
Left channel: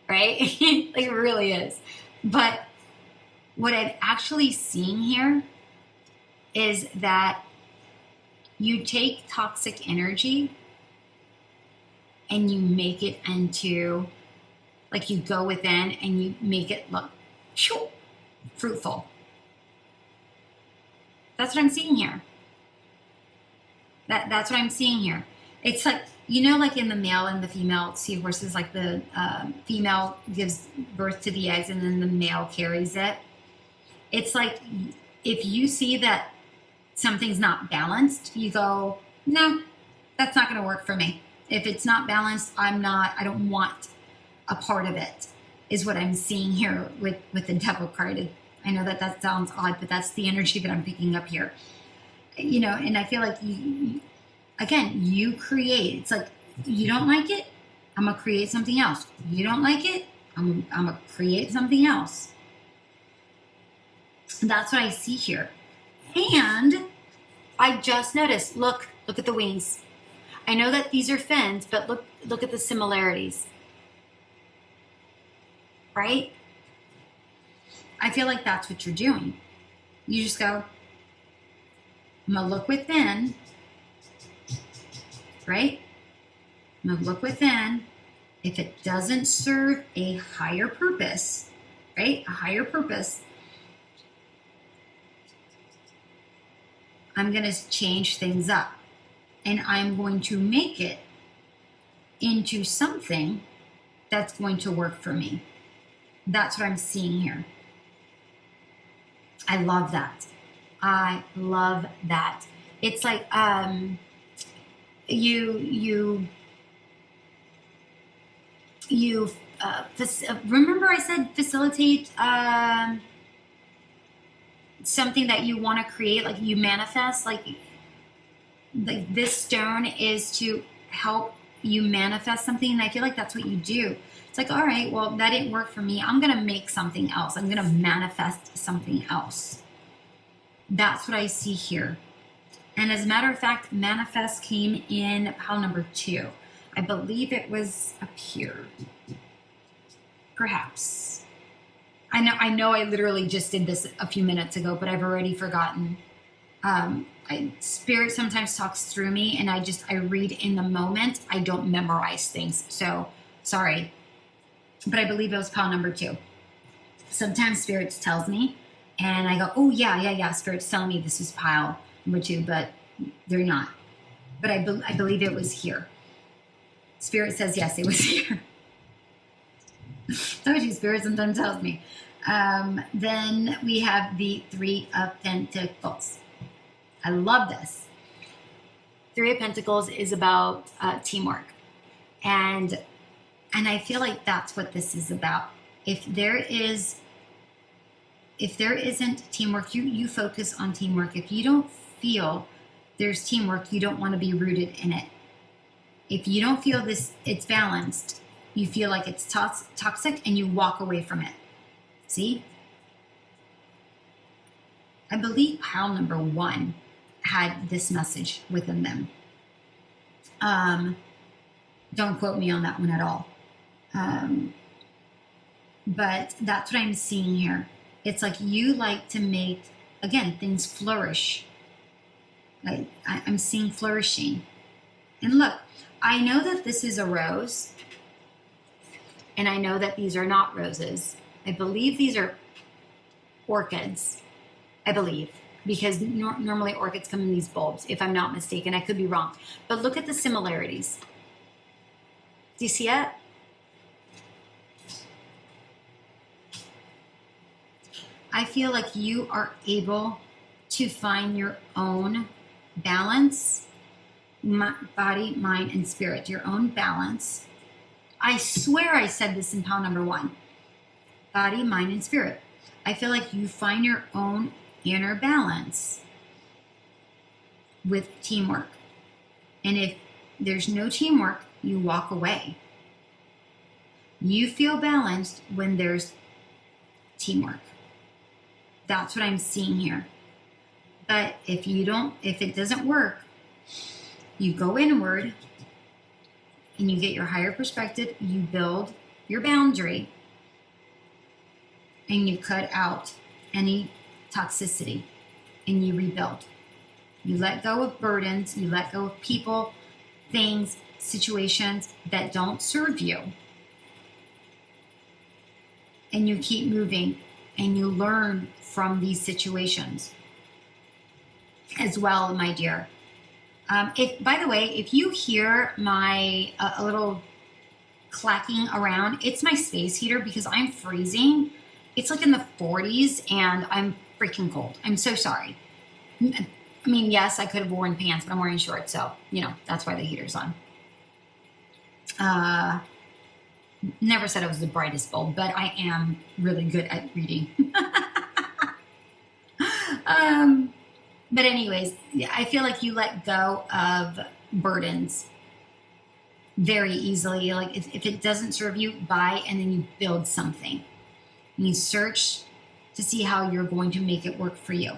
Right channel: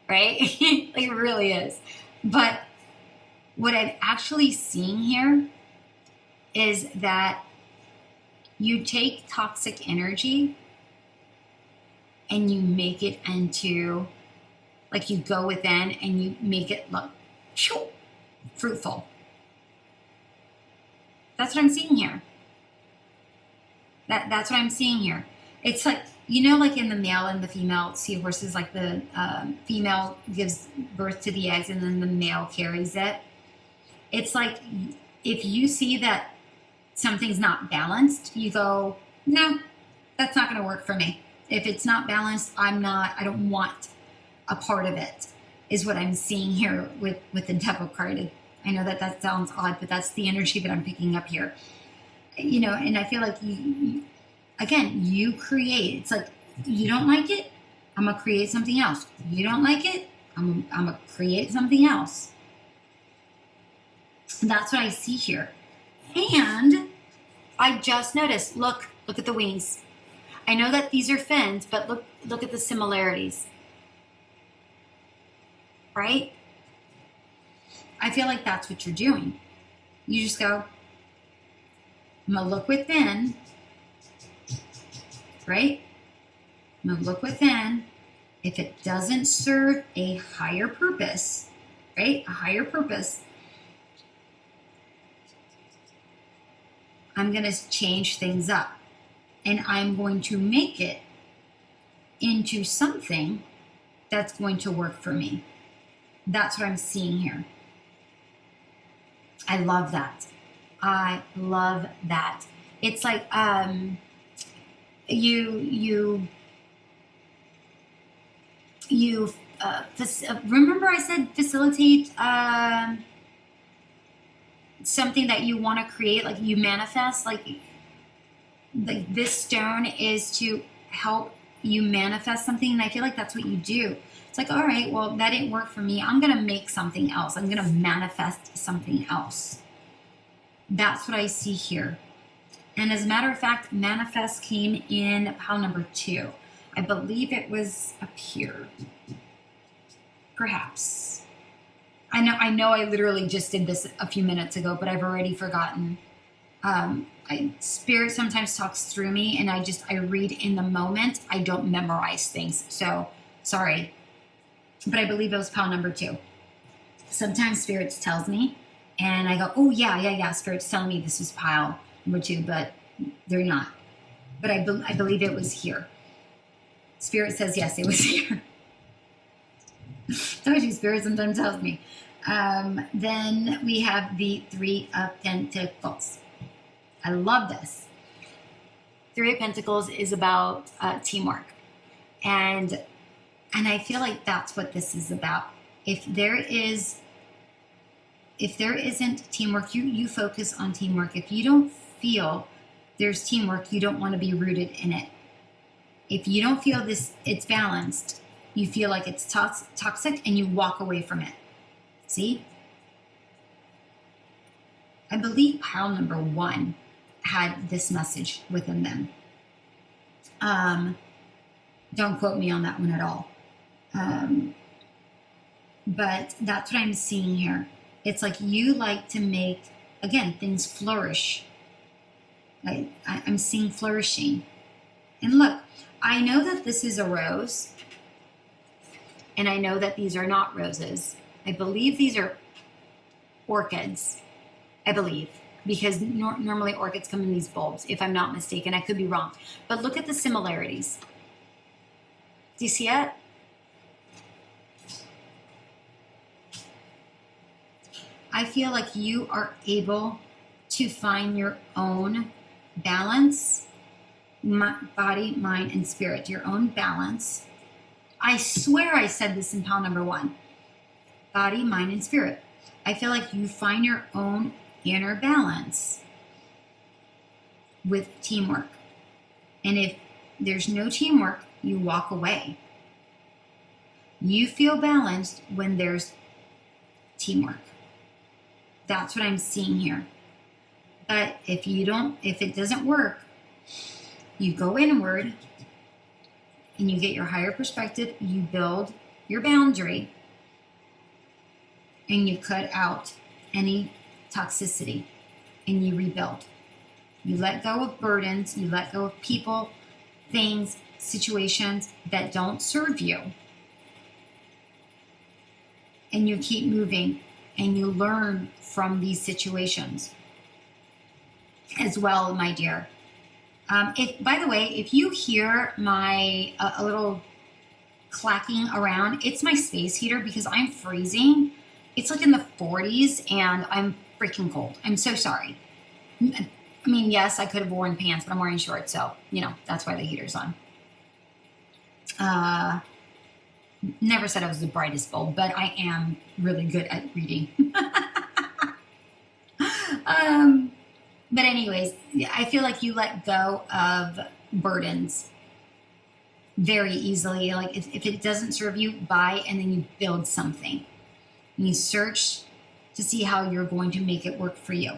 right? Like it really is. But what I'm actually seeing here is that you take toxic energy and you make it into, like you go within and you make it look fruitful. That's what I'm seeing here. That's what I'm seeing here. It's like, like in the male and the female seahorses, like the female gives birth to the eggs and then the male carries it. It's like if you see that something's not balanced, you go, no, that's not going to work for me. If it's not balanced, I don't want a part of it, is what I'm seeing here with the Devil card. I know that sounds odd, but that's the energy that I'm picking up here. And I feel like you create. It's like, you don't like it, I'm going to create something else. You don't like it, I'm going to create something else. That's what I see here. And I just noticed, look at the wings. I know that these are fins, but look at the similarities. Right? I feel like that's what you're doing. You just go, I'm going to look within, right? I'm going to look within. If it doesn't serve a higher purpose, right? A higher purpose, I'm going to change things up. And I'm going to make it into something that's going to work for me. That's what I'm seeing here. I love that. I love that. It's like remember I said facilitate something that you want to create, like you manifest, like this stone is to help you manifest something, and I feel like that's what you do. It's like, all right, well, that didn't work for me. I'm going to make something else. I'm going to manifest something else. That's what I see here. And as a matter of fact, manifest came in pile number 2. I believe it was up here. Perhaps. I know I literally just did this a few minutes ago, but I've already forgotten. Spirit sometimes talks through me, and I read in the moment. I don't memorize things. So, sorry. But I believe it was pile number 2. Sometimes Spirits tells me, and I go, oh, yeah. Spirit's telling me this is pile number 2, but they're not. But I believe it was here. Spirit says, yes, it was here. Told you, Spirit sometimes tells me. Then we have the 3 of Pentacles. I love this. 3 of Pentacles is about teamwork. And I feel like that's what this is about. If there isn't teamwork, you focus on teamwork. If you don't feel there's teamwork, you don't want to be rooted in it. If you don't feel it's balanced, you feel like it's toxic and you walk away from it. See? I believe pile number 1 had this message within them. Don't quote me on that one at all. But that's what I'm seeing here. It's like you like to make, again, things flourish. I'm seeing flourishing. And look, I know that this is a rose. And I know that these are not roses. I believe these are orchids. I believe. Because normally orchids come in these bulbs, if I'm not mistaken. I could be wrong. But look at the similarities. Do you see it? I feel like you are able to find your own balance, body, mind, and spirit, your own balance. I swear I said this in pile number 1. Body, mind, and spirit. I feel like you find your own inner balance with teamwork. And if there's no teamwork, you walk away. You feel balanced when there's teamwork. That's what I'm seeing here. But if it doesn't work, you go inward and you get your higher perspective, you build your boundary, and you cut out any toxicity and you rebuild. You let go of burdens, you let go of people, things, situations that don't serve you. And you keep moving and you learn from these situations as well, my dear. By the way, if you hear my a little clacking around, it's my space heater because I'm freezing. It's like in the 40s and I'm freaking cold. I'm so sorry. I mean, yes, I could have worn pants, but I'm wearing shorts, so, that's why the heater's on. Never said I was the brightest bulb, but I am really good at reading. But anyways, I feel like you let go of burdens very easily. Like if it doesn't serve you, buy and then you build something. And you search to see how you're going to make it work for you.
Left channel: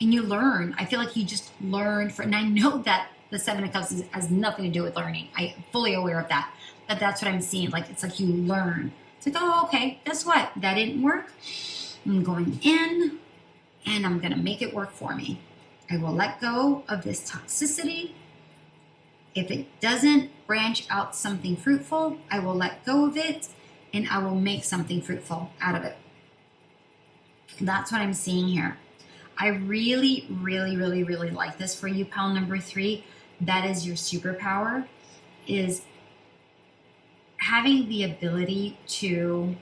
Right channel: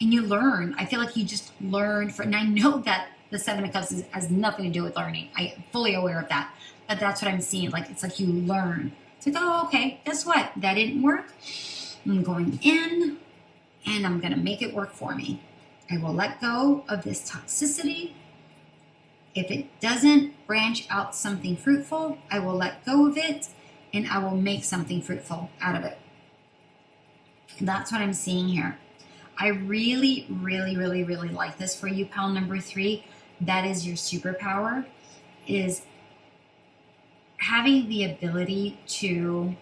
And you learn. I feel like you just learn. And I know that the 7 of Cups has nothing to do with learning. I'm fully aware of that. But that's what I'm seeing. Like, it's like you learn. It's like, oh, okay, guess what? That didn't work. I'm going in, and I'm going to make it work for me. I will let go of this toxicity. If it doesn't branch out something fruitful, I will let go of it, and I will make something fruitful out of it. That's what I'm seeing here. I really, really, really, really like this for you, pile number 3. That is your superpower, is having the ability to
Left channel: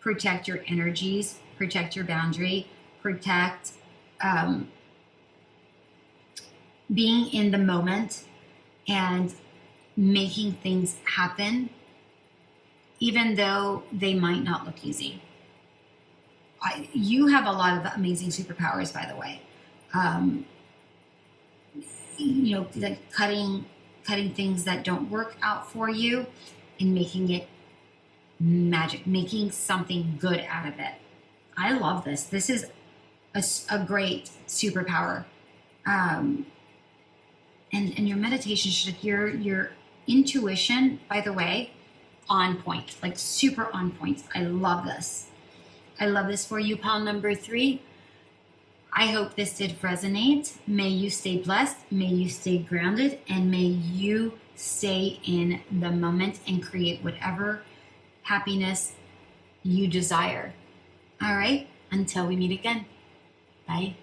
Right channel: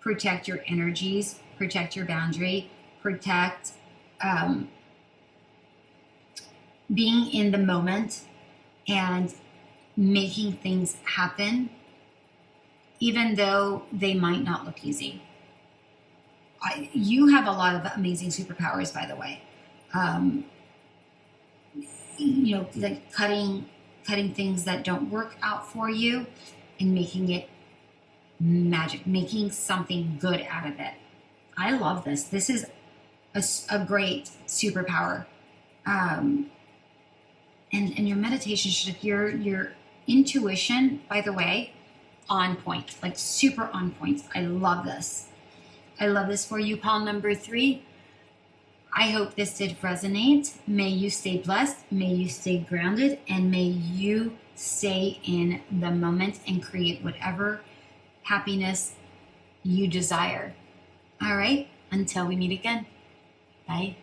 protect your energies, protect your boundary, protect being in the moment and making things happen, even though they might not look easy. You have a lot of amazing superpowers, by the way. Like cutting things that don't work out for you and making it magic, making something good out of it. I love this. This is a great superpower. And your meditation should, your intuition, by the way, on point, like super on point. I love this. I love this for you, pile number 3. I hope this did resonate. May you stay blessed. May you stay grounded. And may you stay in the moment and create whatever happiness you desire. All right. Until we meet again. Bye.